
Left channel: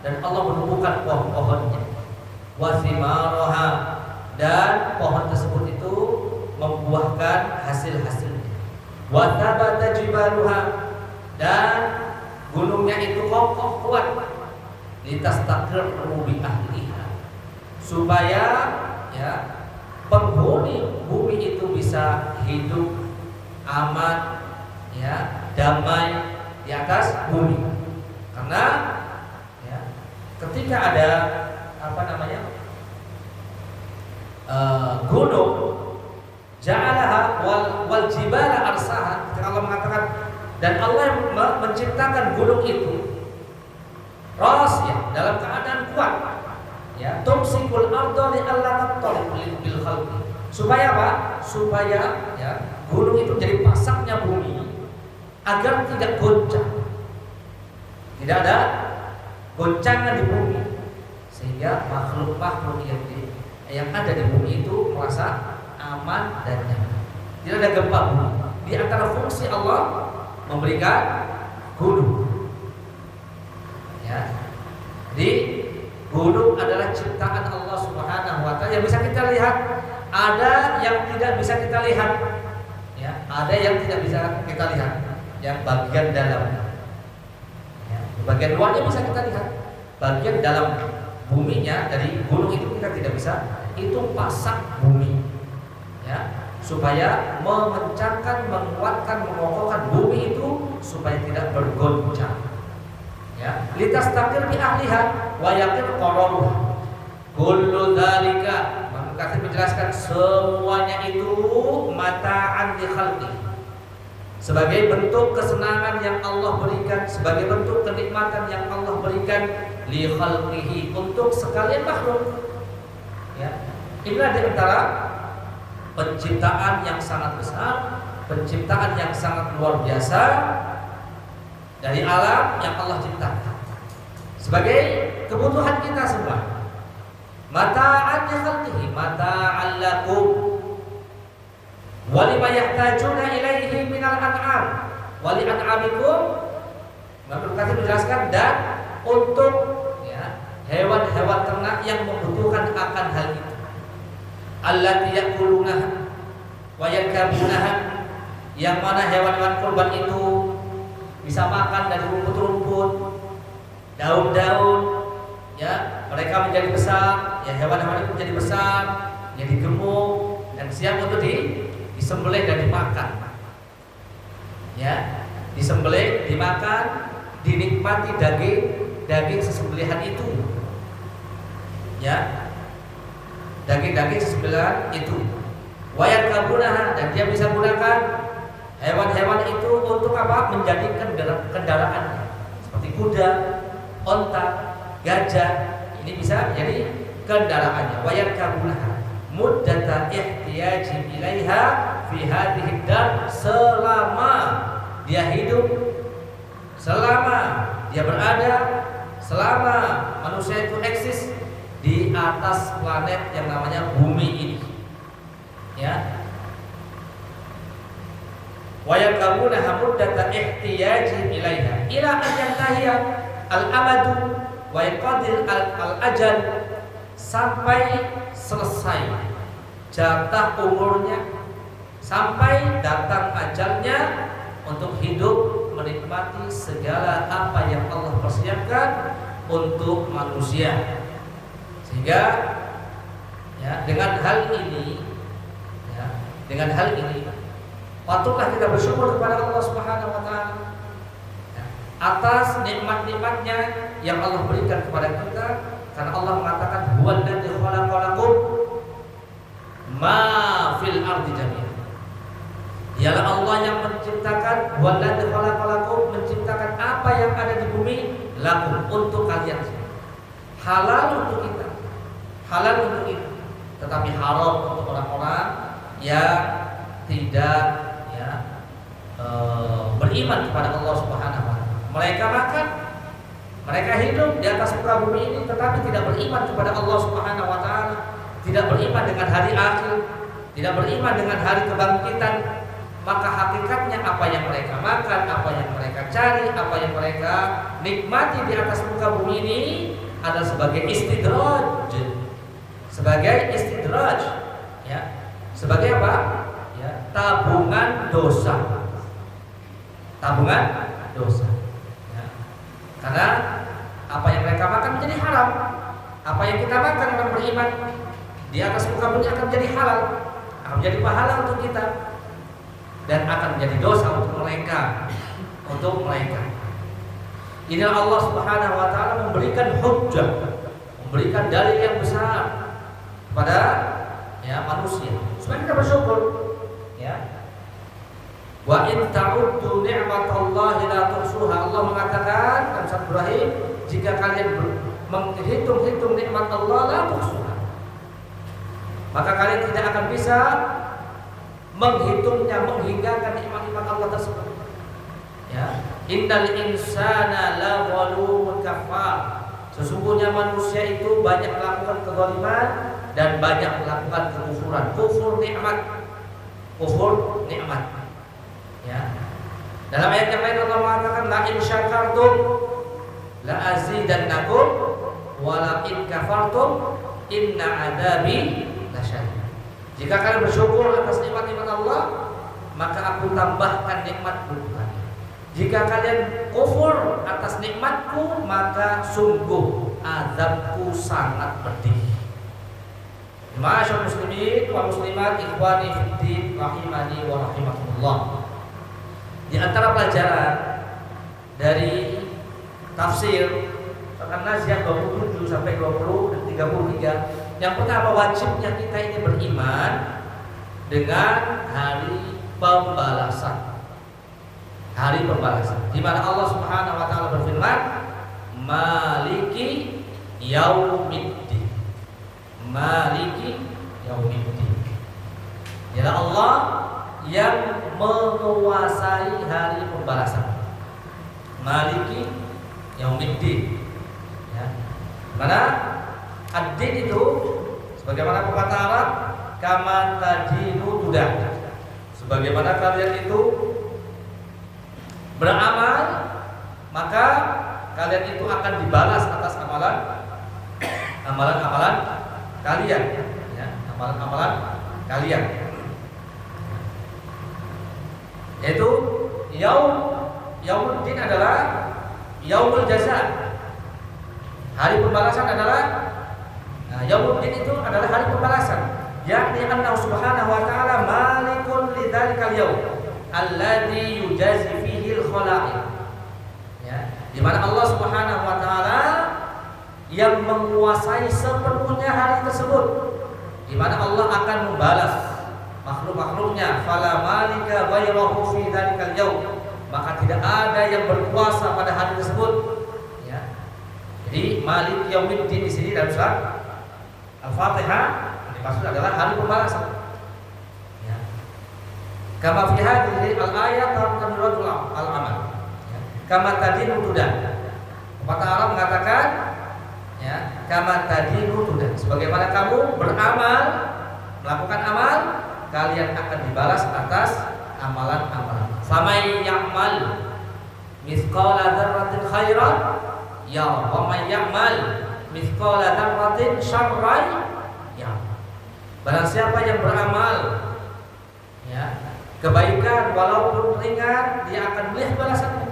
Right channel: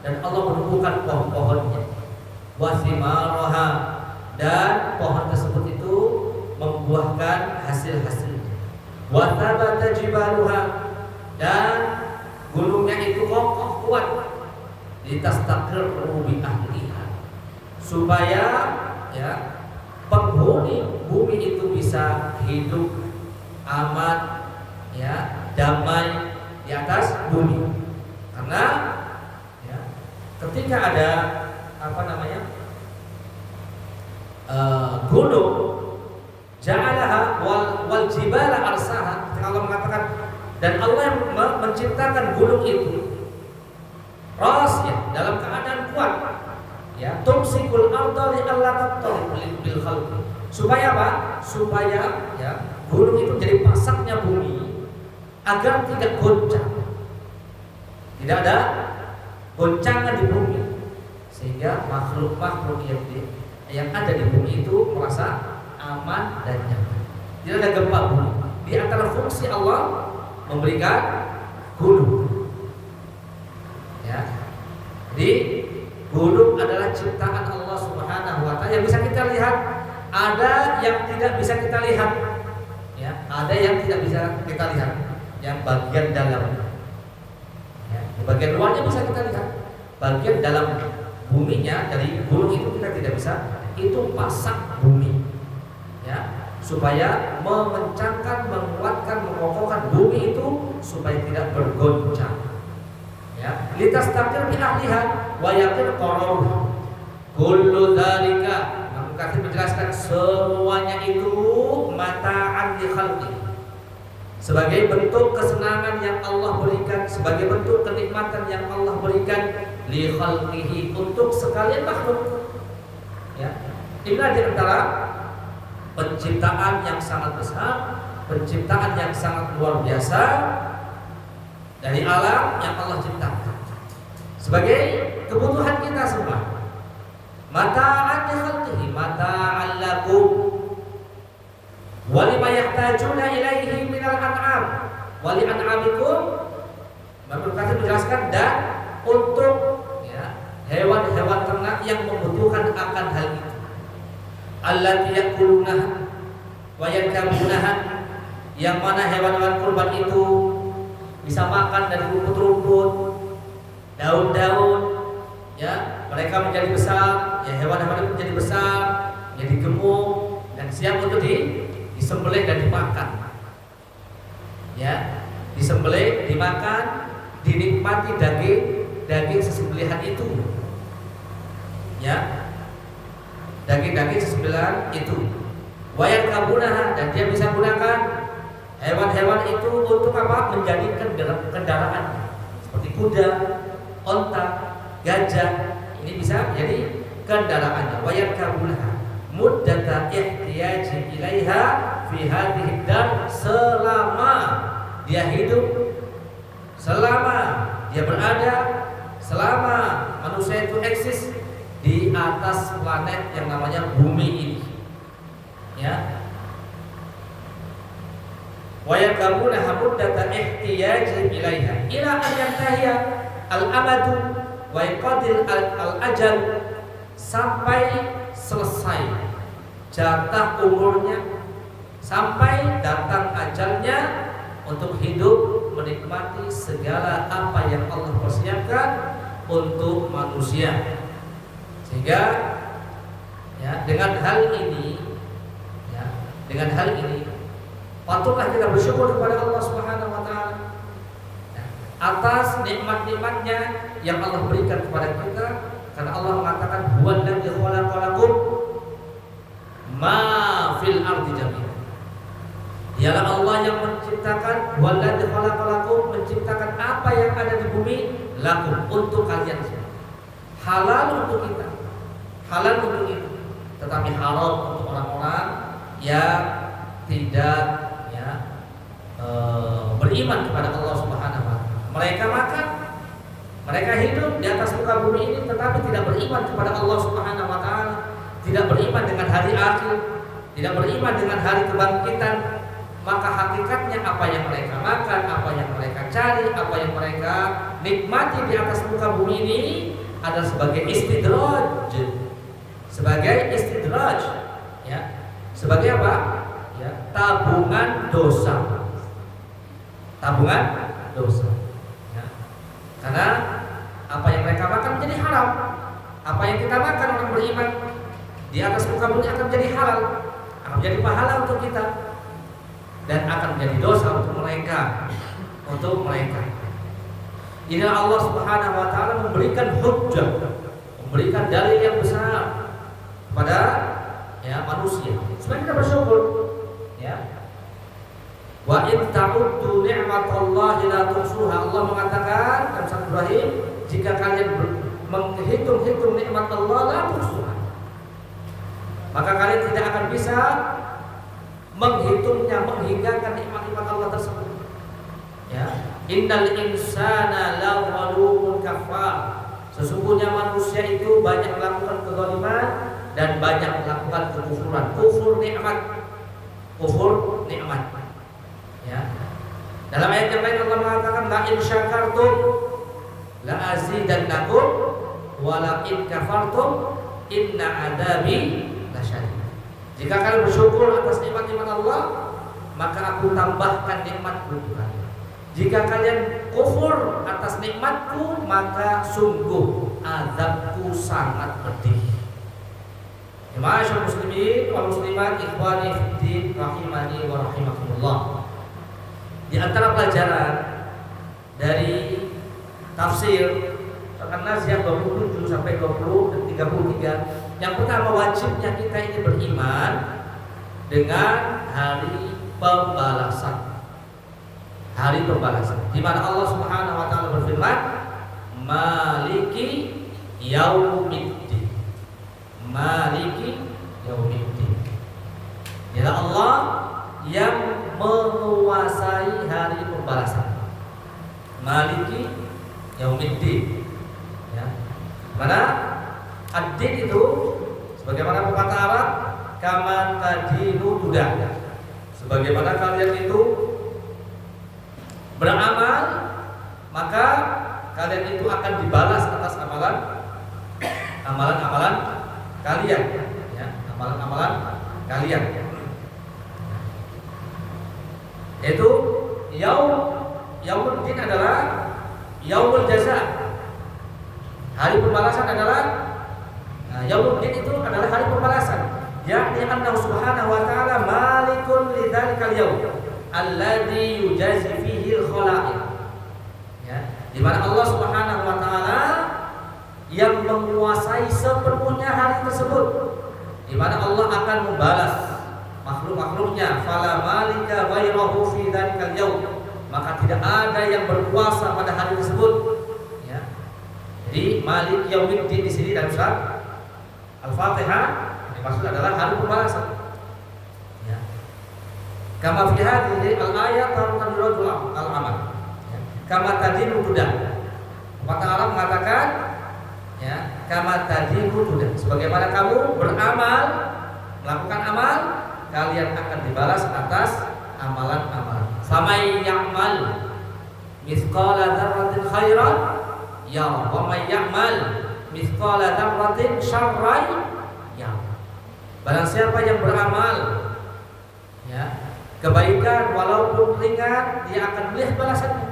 dan Allah menumbuhkan pohon-pohonnya. Wa thimaraha, dan pohon tersebut itu membuahkan hasil-hasilnya. Wa thabata jibaluha, dan gunungnya itu kokoh kuat. Litastaqirru bi ahliha, supaya ya penghuni bumi itu bisa hidup aman, ya, damai di atas bumi. Karena ya, ketika ada gunung, ja'alaha wal jibala arsaha, ketika Allah mengatakan, dan Allah yang menciptakan gunung itu rasiyah, dalam keadaan kuat, ya, tumsikul arda li alla tattaliq bil khalqi, supaya apa? Supaya ya gunung itu menjadi pasaknya bumi agar tidak goncang, tidak ada goncangan di bumi, sehingga makhluk-makhluk yang ada di bumi itu merasa aman dan nyaman, tidak ada gempa bumi. Di antara fungsi Allah memberikan gunung, ya. Jadi gunung adalah ciptaan Allah Subhanahu wa taala yang bisa kita lihat, ada yang tidak bisa kita lihat. Ya, ada yang tidak bisa kita lihat, yang bagian dalamnya. Ya, bagian luarnya bisa kita lihat. Bagian dalam buminya dari gunung itu kita tidak bisa. Itu pasak bumi. Ya, supaya mengencangkan, menguatkan, mengokohkan bumi itu supaya tidak bergoncang. Ya, litastaqir bi ahliha wa yaqir qararuha. Kullu dzalika, Imam Katsir menjelaskan semuanya itu mata'an li khalqi, sebagai bentuk kesenangan yang Allah berikan, sebagai bentuk kenikmatan yang Allah berikan li khalqihi, untuk sekalian makhluk. Ya, inilah di antara penciptaan yang sangat besar, penciptaan yang sangat luar biasa dari alam yang Allah ciptakan sebagai kebutuhan kita semua. Mata'an li khalqihi, mata'an lakum wa lima yahtajuna ilaihi minal an'am wa li an'amikum. Imam Katsir menjelaskan, dan untuk ya hewan-hewan ternak yang membutuhkan akan hal itu. Allati yaquluna wa yarkabunaha, yang mana hewan-hewan kurban itu bisa makan dari rumput-rumput, daun-daun, ya, mereka menjadi besar, ya, hewan-hewan itu menjadi besar, jadi gemuk dan siap untuk disembelih dan dimakan. Ya, disembelih, dimakan, dinikmati daging sesembelihan itu. Ya, daging sesembelihan itu. Wayar kabunaha, dan dia bisa gunakan hewan-hewan itu untuk apa? Menjadi kendaraannya, seperti kuda, onta, gajah. Ini bisa jadi kendaraannya. Wayar kabunaha muddata ihtiyaji ilaiha fi hadhihi dar, selama dia hidup, selama dia berada, selama manusia itu eksis di atas planet yang namanya bumi ini. Ya, wa yakabunaha muddata ihtiyaji ilaiha ila an yantahiya al-amadu wa yaqadil al-ajal, sampai selesai jatah umurnya, sampai datang ajalnya untuk hidup menikmati segala apa yang Allah persiapkan untuk manusia. Sehingga ya, dengan hal ini patutlah kita bersyukur kepada Allah Subhanahu wa taala atas nikmat-nikmatnya yang Allah berikan kepada kita, karena Allah mengatakan huwallazi khalaqalakum ma fil ardi jami'an. Dialah Allah yang menciptakan, huwallazi khalaqalakum, menciptakan apa yang ada di bumi, lakum, untuk kalian semua. Halal untuk kita, halal untuk kita, tetapi haram untuk orang-orang yang tidak beriman kepada Allah Subhanahu wa taala. Mereka makan, mereka hidup di atas muka bumi ini tetapi tidak beriman kepada Allah Subhanahu wa taala, tidak beriman dengan hari akhir, tidak beriman dengan hari kebangkitan. Maka hakikatnya apa yang mereka makan, apa yang mereka cari, apa yang mereka nikmati di atas muka bumi ini adalah sebagai istidraj. Sebagai istidraj, ya. Sebagai apa? Ya, tabungan dosa. Tabungan dosa. Ya. Karena apa yang mereka makan menjadi haram. Apa yang kita makan orang beriman di atas muka bumi akan menjadi halal, akan menjadi pahala untuk kita, dan akan menjadi dosa untuk mereka. Inilah Allah Subhanahu wa taala memberikan hujjah, memberikan dalil yang besar kepada manusia supaya kita bersyukur, ya. Wa in ta'uddu ni'matallahi la tuhsuha. Allah mengatakan dalam surat Ibrahim, jika kalian menghitung-hitung nikmat Allah la tuhsuha, maka kalian tidak akan bisa menghitungnya, menghinggakan nikmat-nikmat Allah tersebut. Ya, innal insana la zalumun kafar. Sesungguhnya manusia itu banyak melakukan kezaliman dan banyak melakukan kekufuran, kufur nikmat. Ya. Dalam ayat yang lain Allah mengatakan la in syakartum la azidannakum wa la in kafartum inna adabi lasyadid. Jika kalian bersyukur atas nikmat-nikmat Allah, maka aku tambahkan nikmatku untuk kalian. Jika kalian kufur atas nikmatku, maka sungguh azabku sangat pedih. Ma'asyiral muslimin wal muslimat, ikhwani fid din, rahimani wa rahimakumullah. Di antara pelajaran dari tafsir An-Nazi'at 27 sampai 20 dan 33, yang pertama, wajibnya kita ini beriman dengan hari pembalasan. Hari pembalasan di mana Allah Subhanahu wa taala berfirman, Maliki yaumiddin. Maliki yaumiddin. Ialah Allah yang menguasai hari pembalasan. Maliki yaumiddin. Ya. Mana ad-din itu sebagaimana pepatah Arab, kama tadinu tudah. Sebagaimana kalian itu beramal, maka kalian itu akan dibalas atas amalan kalian, ya, amalan kalian. Yaitu yaumuddin adalah yaumul jaza. Hari pembalasan adalah yaumuddin itu adalah hari pembalasan. Yakni annahu subhanahu wa ta'ala malikun lidzalikal yaum alladzi yujazi fihi al-khalaiq. Ya, di mana Allah Subhanahu wa taala yang menguasai sepenuhnya hari tersebut, di mana Allah akan membalas makhluk-makhluknya. Fala malika ghairahu fi dzalikal yaum, maka tidak ada yang berkuasa pada hari tersebut. Ya. Jadi Malik Yaumiddin di sini dalam surat Al-Fatihah dimaksud adalah hari pembalasan. Ya. Kama fi hadhihi al-ayat tanradul al-amal. Ya. Kama tadinu tudah. Pepatah Arab mengatakan, ya, kama tadinu tudah. Sebagaimana kamu beramal, melakukan amal, kalian akan dibalas atas amalan-amalan. Famay ya'mal mithqala dzarratin khairan yara wa may ya'mal mithqala dzarratin syarran yara. Barang siapa yang beramal, ya, kebaikan walaupun ringan, dia akan melihat balasannya.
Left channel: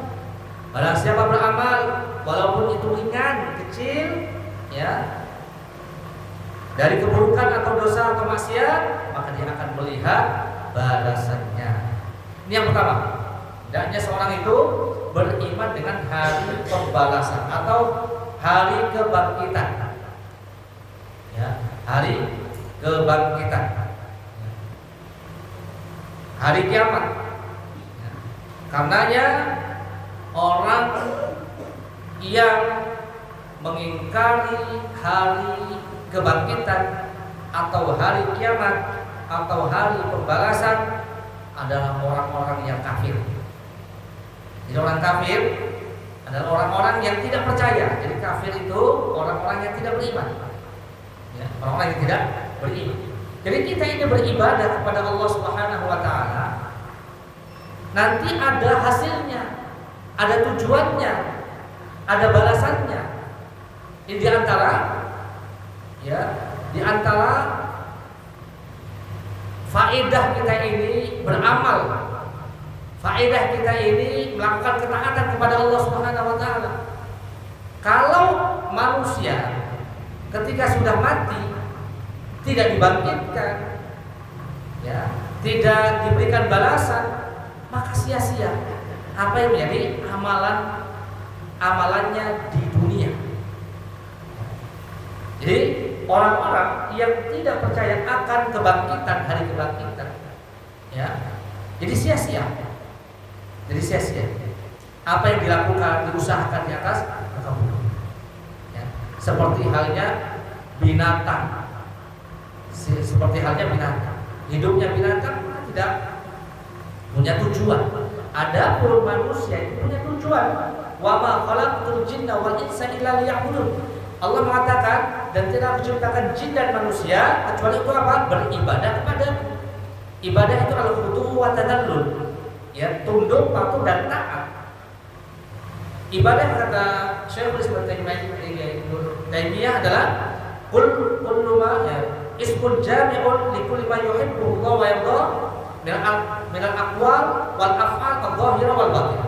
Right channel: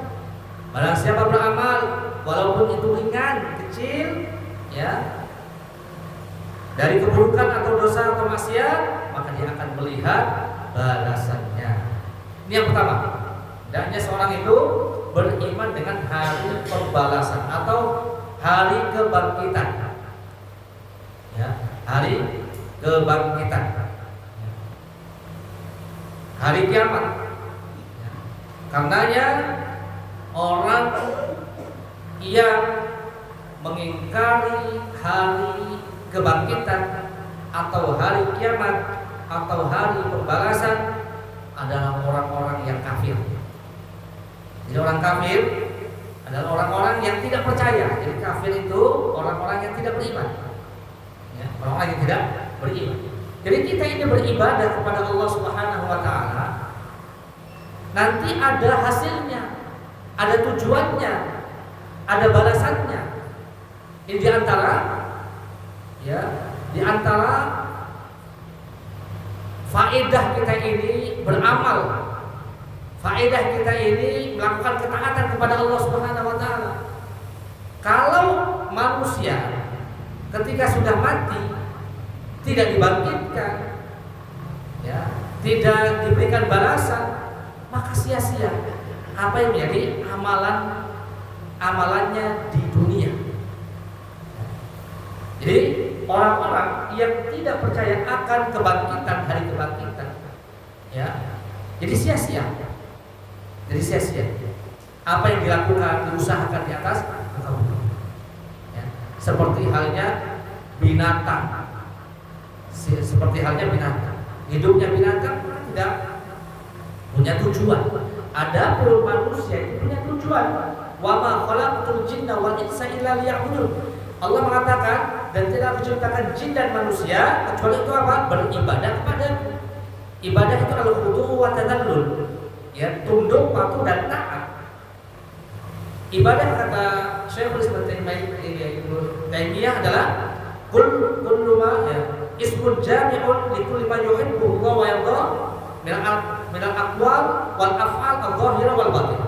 Barang siapa beramal walaupun itu ringan, kecil, ya, dari keburukan atau dosa atau maksiat, maka dia akan melihat balasannya. Ini yang pertama. Hendaknya seorang itu beriman dengan hari pembalasan atau hari kebangkitan. Ya, hari kebangkitan. Ya. Hari kiamat. Ya. Karenanya orang yang mengingkari hari kebangkitan atau hari kiamat atau hari pembalasan adalah orang-orang yang kafir. Jadi orang kafir adalah orang-orang yang tidak percaya. Jadi kafir itu orang-orang yang tidak beriman. Ya, orang-orang yang tidak beriman. Jadi kita ini beribadah kepada Allah Subhanahu wa taala, nanti ada hasilnya, ada tujuannya, ada balasannya. Ini di antara faedah kita ini beramal, faedah kita ini melakukan ketaatan kepada Allah Subhanahu wa taala. Kalau manusia ketika sudah mati tidak dibangkitkan, ya, tidak diberikan balasan, maka sia-sia apa yang menjadi amalannya di dunia. Jadi orang-orang yang tidak percaya akan kebangkitan, hari kebangkitan, ya, jadi sia-sia. Jadi sia-sia apa yang dilakukan, diusahakan di atas muka bumi, ya. Seperti halnya binatang, hidupnya binatang tidak punya tujuan. Adapun manusia itu punya tujuan. Wa ma khalaqtul jinna wal insa illa liya'budun. Allah mengatakan, dan tidak menciptakan jin dan manusia kecuali untuk apa? Beribadah kepadaku. Ibadah itu al-khudu' wa tadallul, ya, tunduk, patuh dan taat. Ibadah kata Syekhul Islam Taimiyah adalah kullu ma, ya, ismun jami'un li kulli ma yuhibbu Allah wa yarda min al-aqwal wal af'al adh-dhahira wal batin.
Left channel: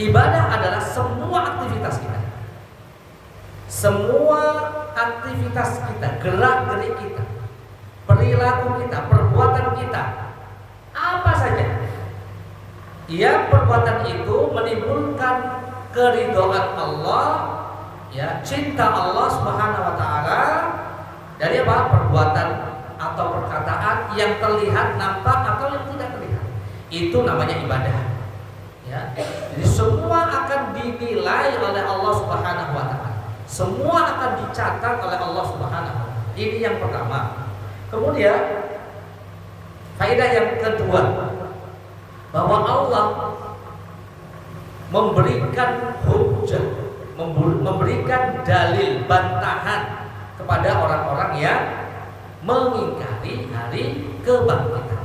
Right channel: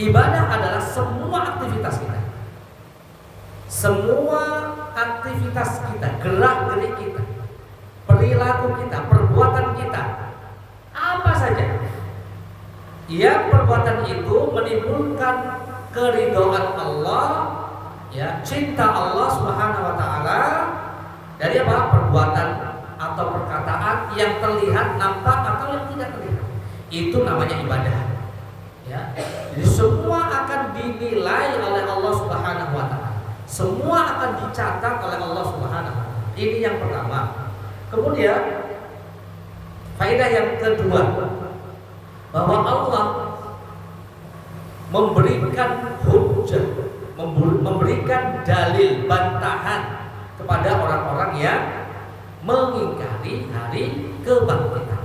Ibadah adalah semua aktivitas kita. Semua aktivitas kita, gerak-gerik kita, perilaku kita, perbuatan kita, apa saja, ya, perbuatan itu menimbulkan keridhaan Allah, ya, cinta Allah Subhanahu wa taala dari apa? Perbuatan atau perkataan yang terlihat, nampak atau yang tidak terlihat. Itu namanya ibadah. Ya. Jadi semua akan dinilai oleh Allah Subhanahu wa taala. Semua akan dicatat oleh Allah Subhanahu wa taala. Ini yang pertama. Kemudian faedah yang kedua, bahwa Allah memberikan hujjah, memberikan dalil, bantahan kepada orang-orang yang mengingkari hari kebangkitan.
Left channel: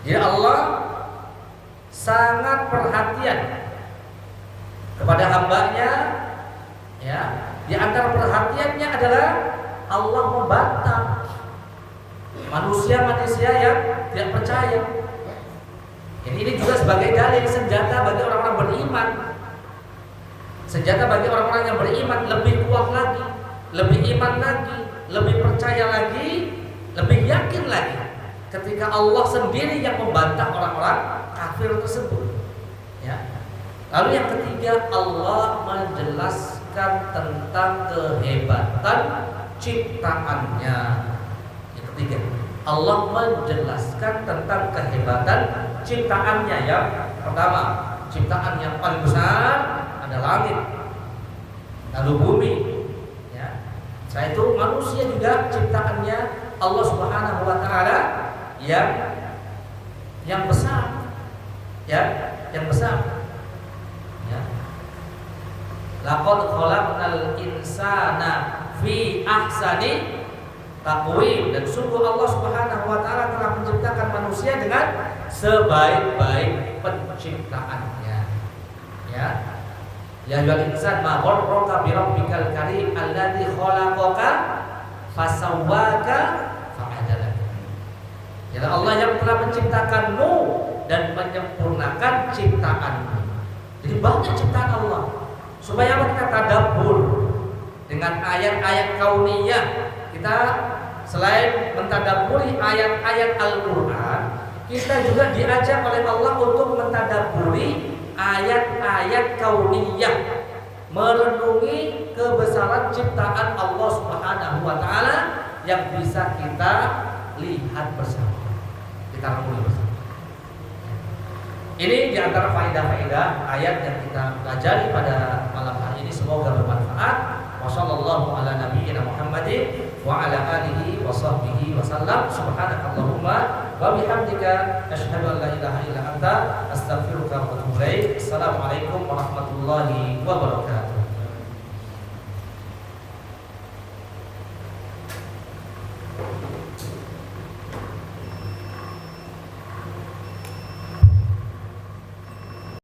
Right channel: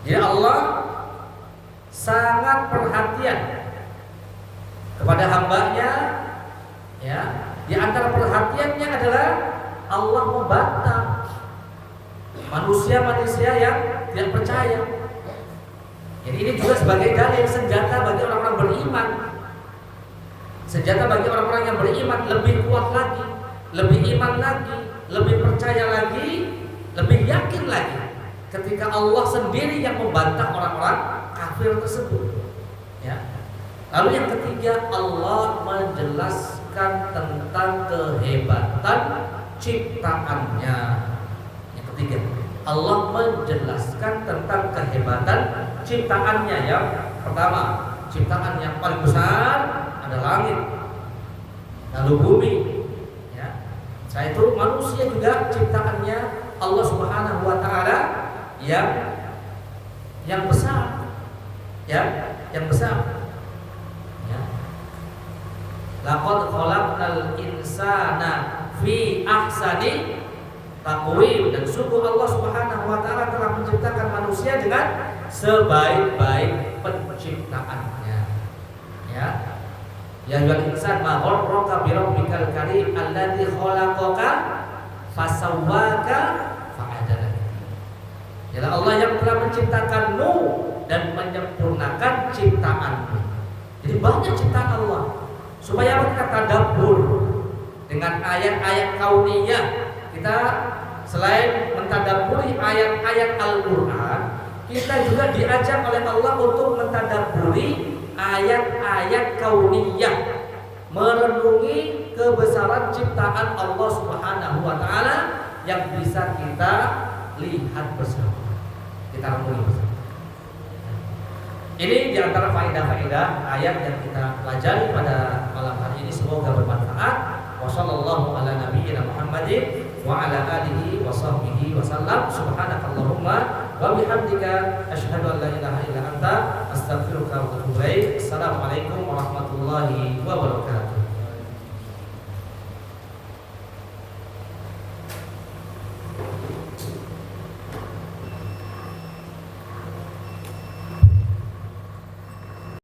Jadi Allah sangat perhatian kepada hambanya, ya. Di antara perhatiannya adalah Allah membantah manusia-manusia yang tidak percaya. Ini juga sebagai dalil, senjata bagi orang-orang beriman. Senjata bagi orang-orang yang beriman lebih kuat lagi, lebih iman lagi, lebih percaya lagi, lebih yakin lagi ketika Allah sendiri yang membantah orang-orang kafir tersebut, ya. Lalu yang ketiga, Allah menjelaskan tentang kehebatan ciptaannya. Yang ketiga, Allah menjelaskan tentang kehebatan ciptaannya. Yang pertama, ciptaan yang paling besar ada langit, lalu bumi, ya. Setelah itu manusia juga ciptaannya Allah Subhanahu wa taala yang besar, ya, yang besar. Ya. Laqad khalaqnal insana fi ahsani taqwim, dan sungguh Allah Subhanahu wa taala telah menciptakan manusia dengan sebaik-baik penciptaannya. Ya. Ya ayyuhal insan ma gharraka bi rabbikal karim alladzi khalaqaka fasawwaka fa'adalak. Ya Allah yang telah menciptakanmu dan menyempurnakan ciptaanmu. Jadi banyak ciptaan Allah. Supaya kita tadabbur dengan ayat-ayat kauniyah. Kita selain mentadabburi ayat-ayat Al-Qur'an, kita juga diajak oleh Allah untuk mentadabburi ayat-ayat kauniyah, merenungi kebesaran ciptaan Allah Subhanahu wa taala yang bisa kita lihat bersama, kita renungi bersama. Ini diantara faedah-faedah ayat yang kita pelajari pada malam hari ini. Semoga bermanfaat. Wassallallahu ala nabiyyina Muhammadin wa ala alihi wa sahbihi wa sallam. Subhanakallahumma wa bihamdika asyhadu an la ilaha illa anta astaghfiruka wa atubu ilaik. Assalamualaikum warahmatullahi wabarakatuh.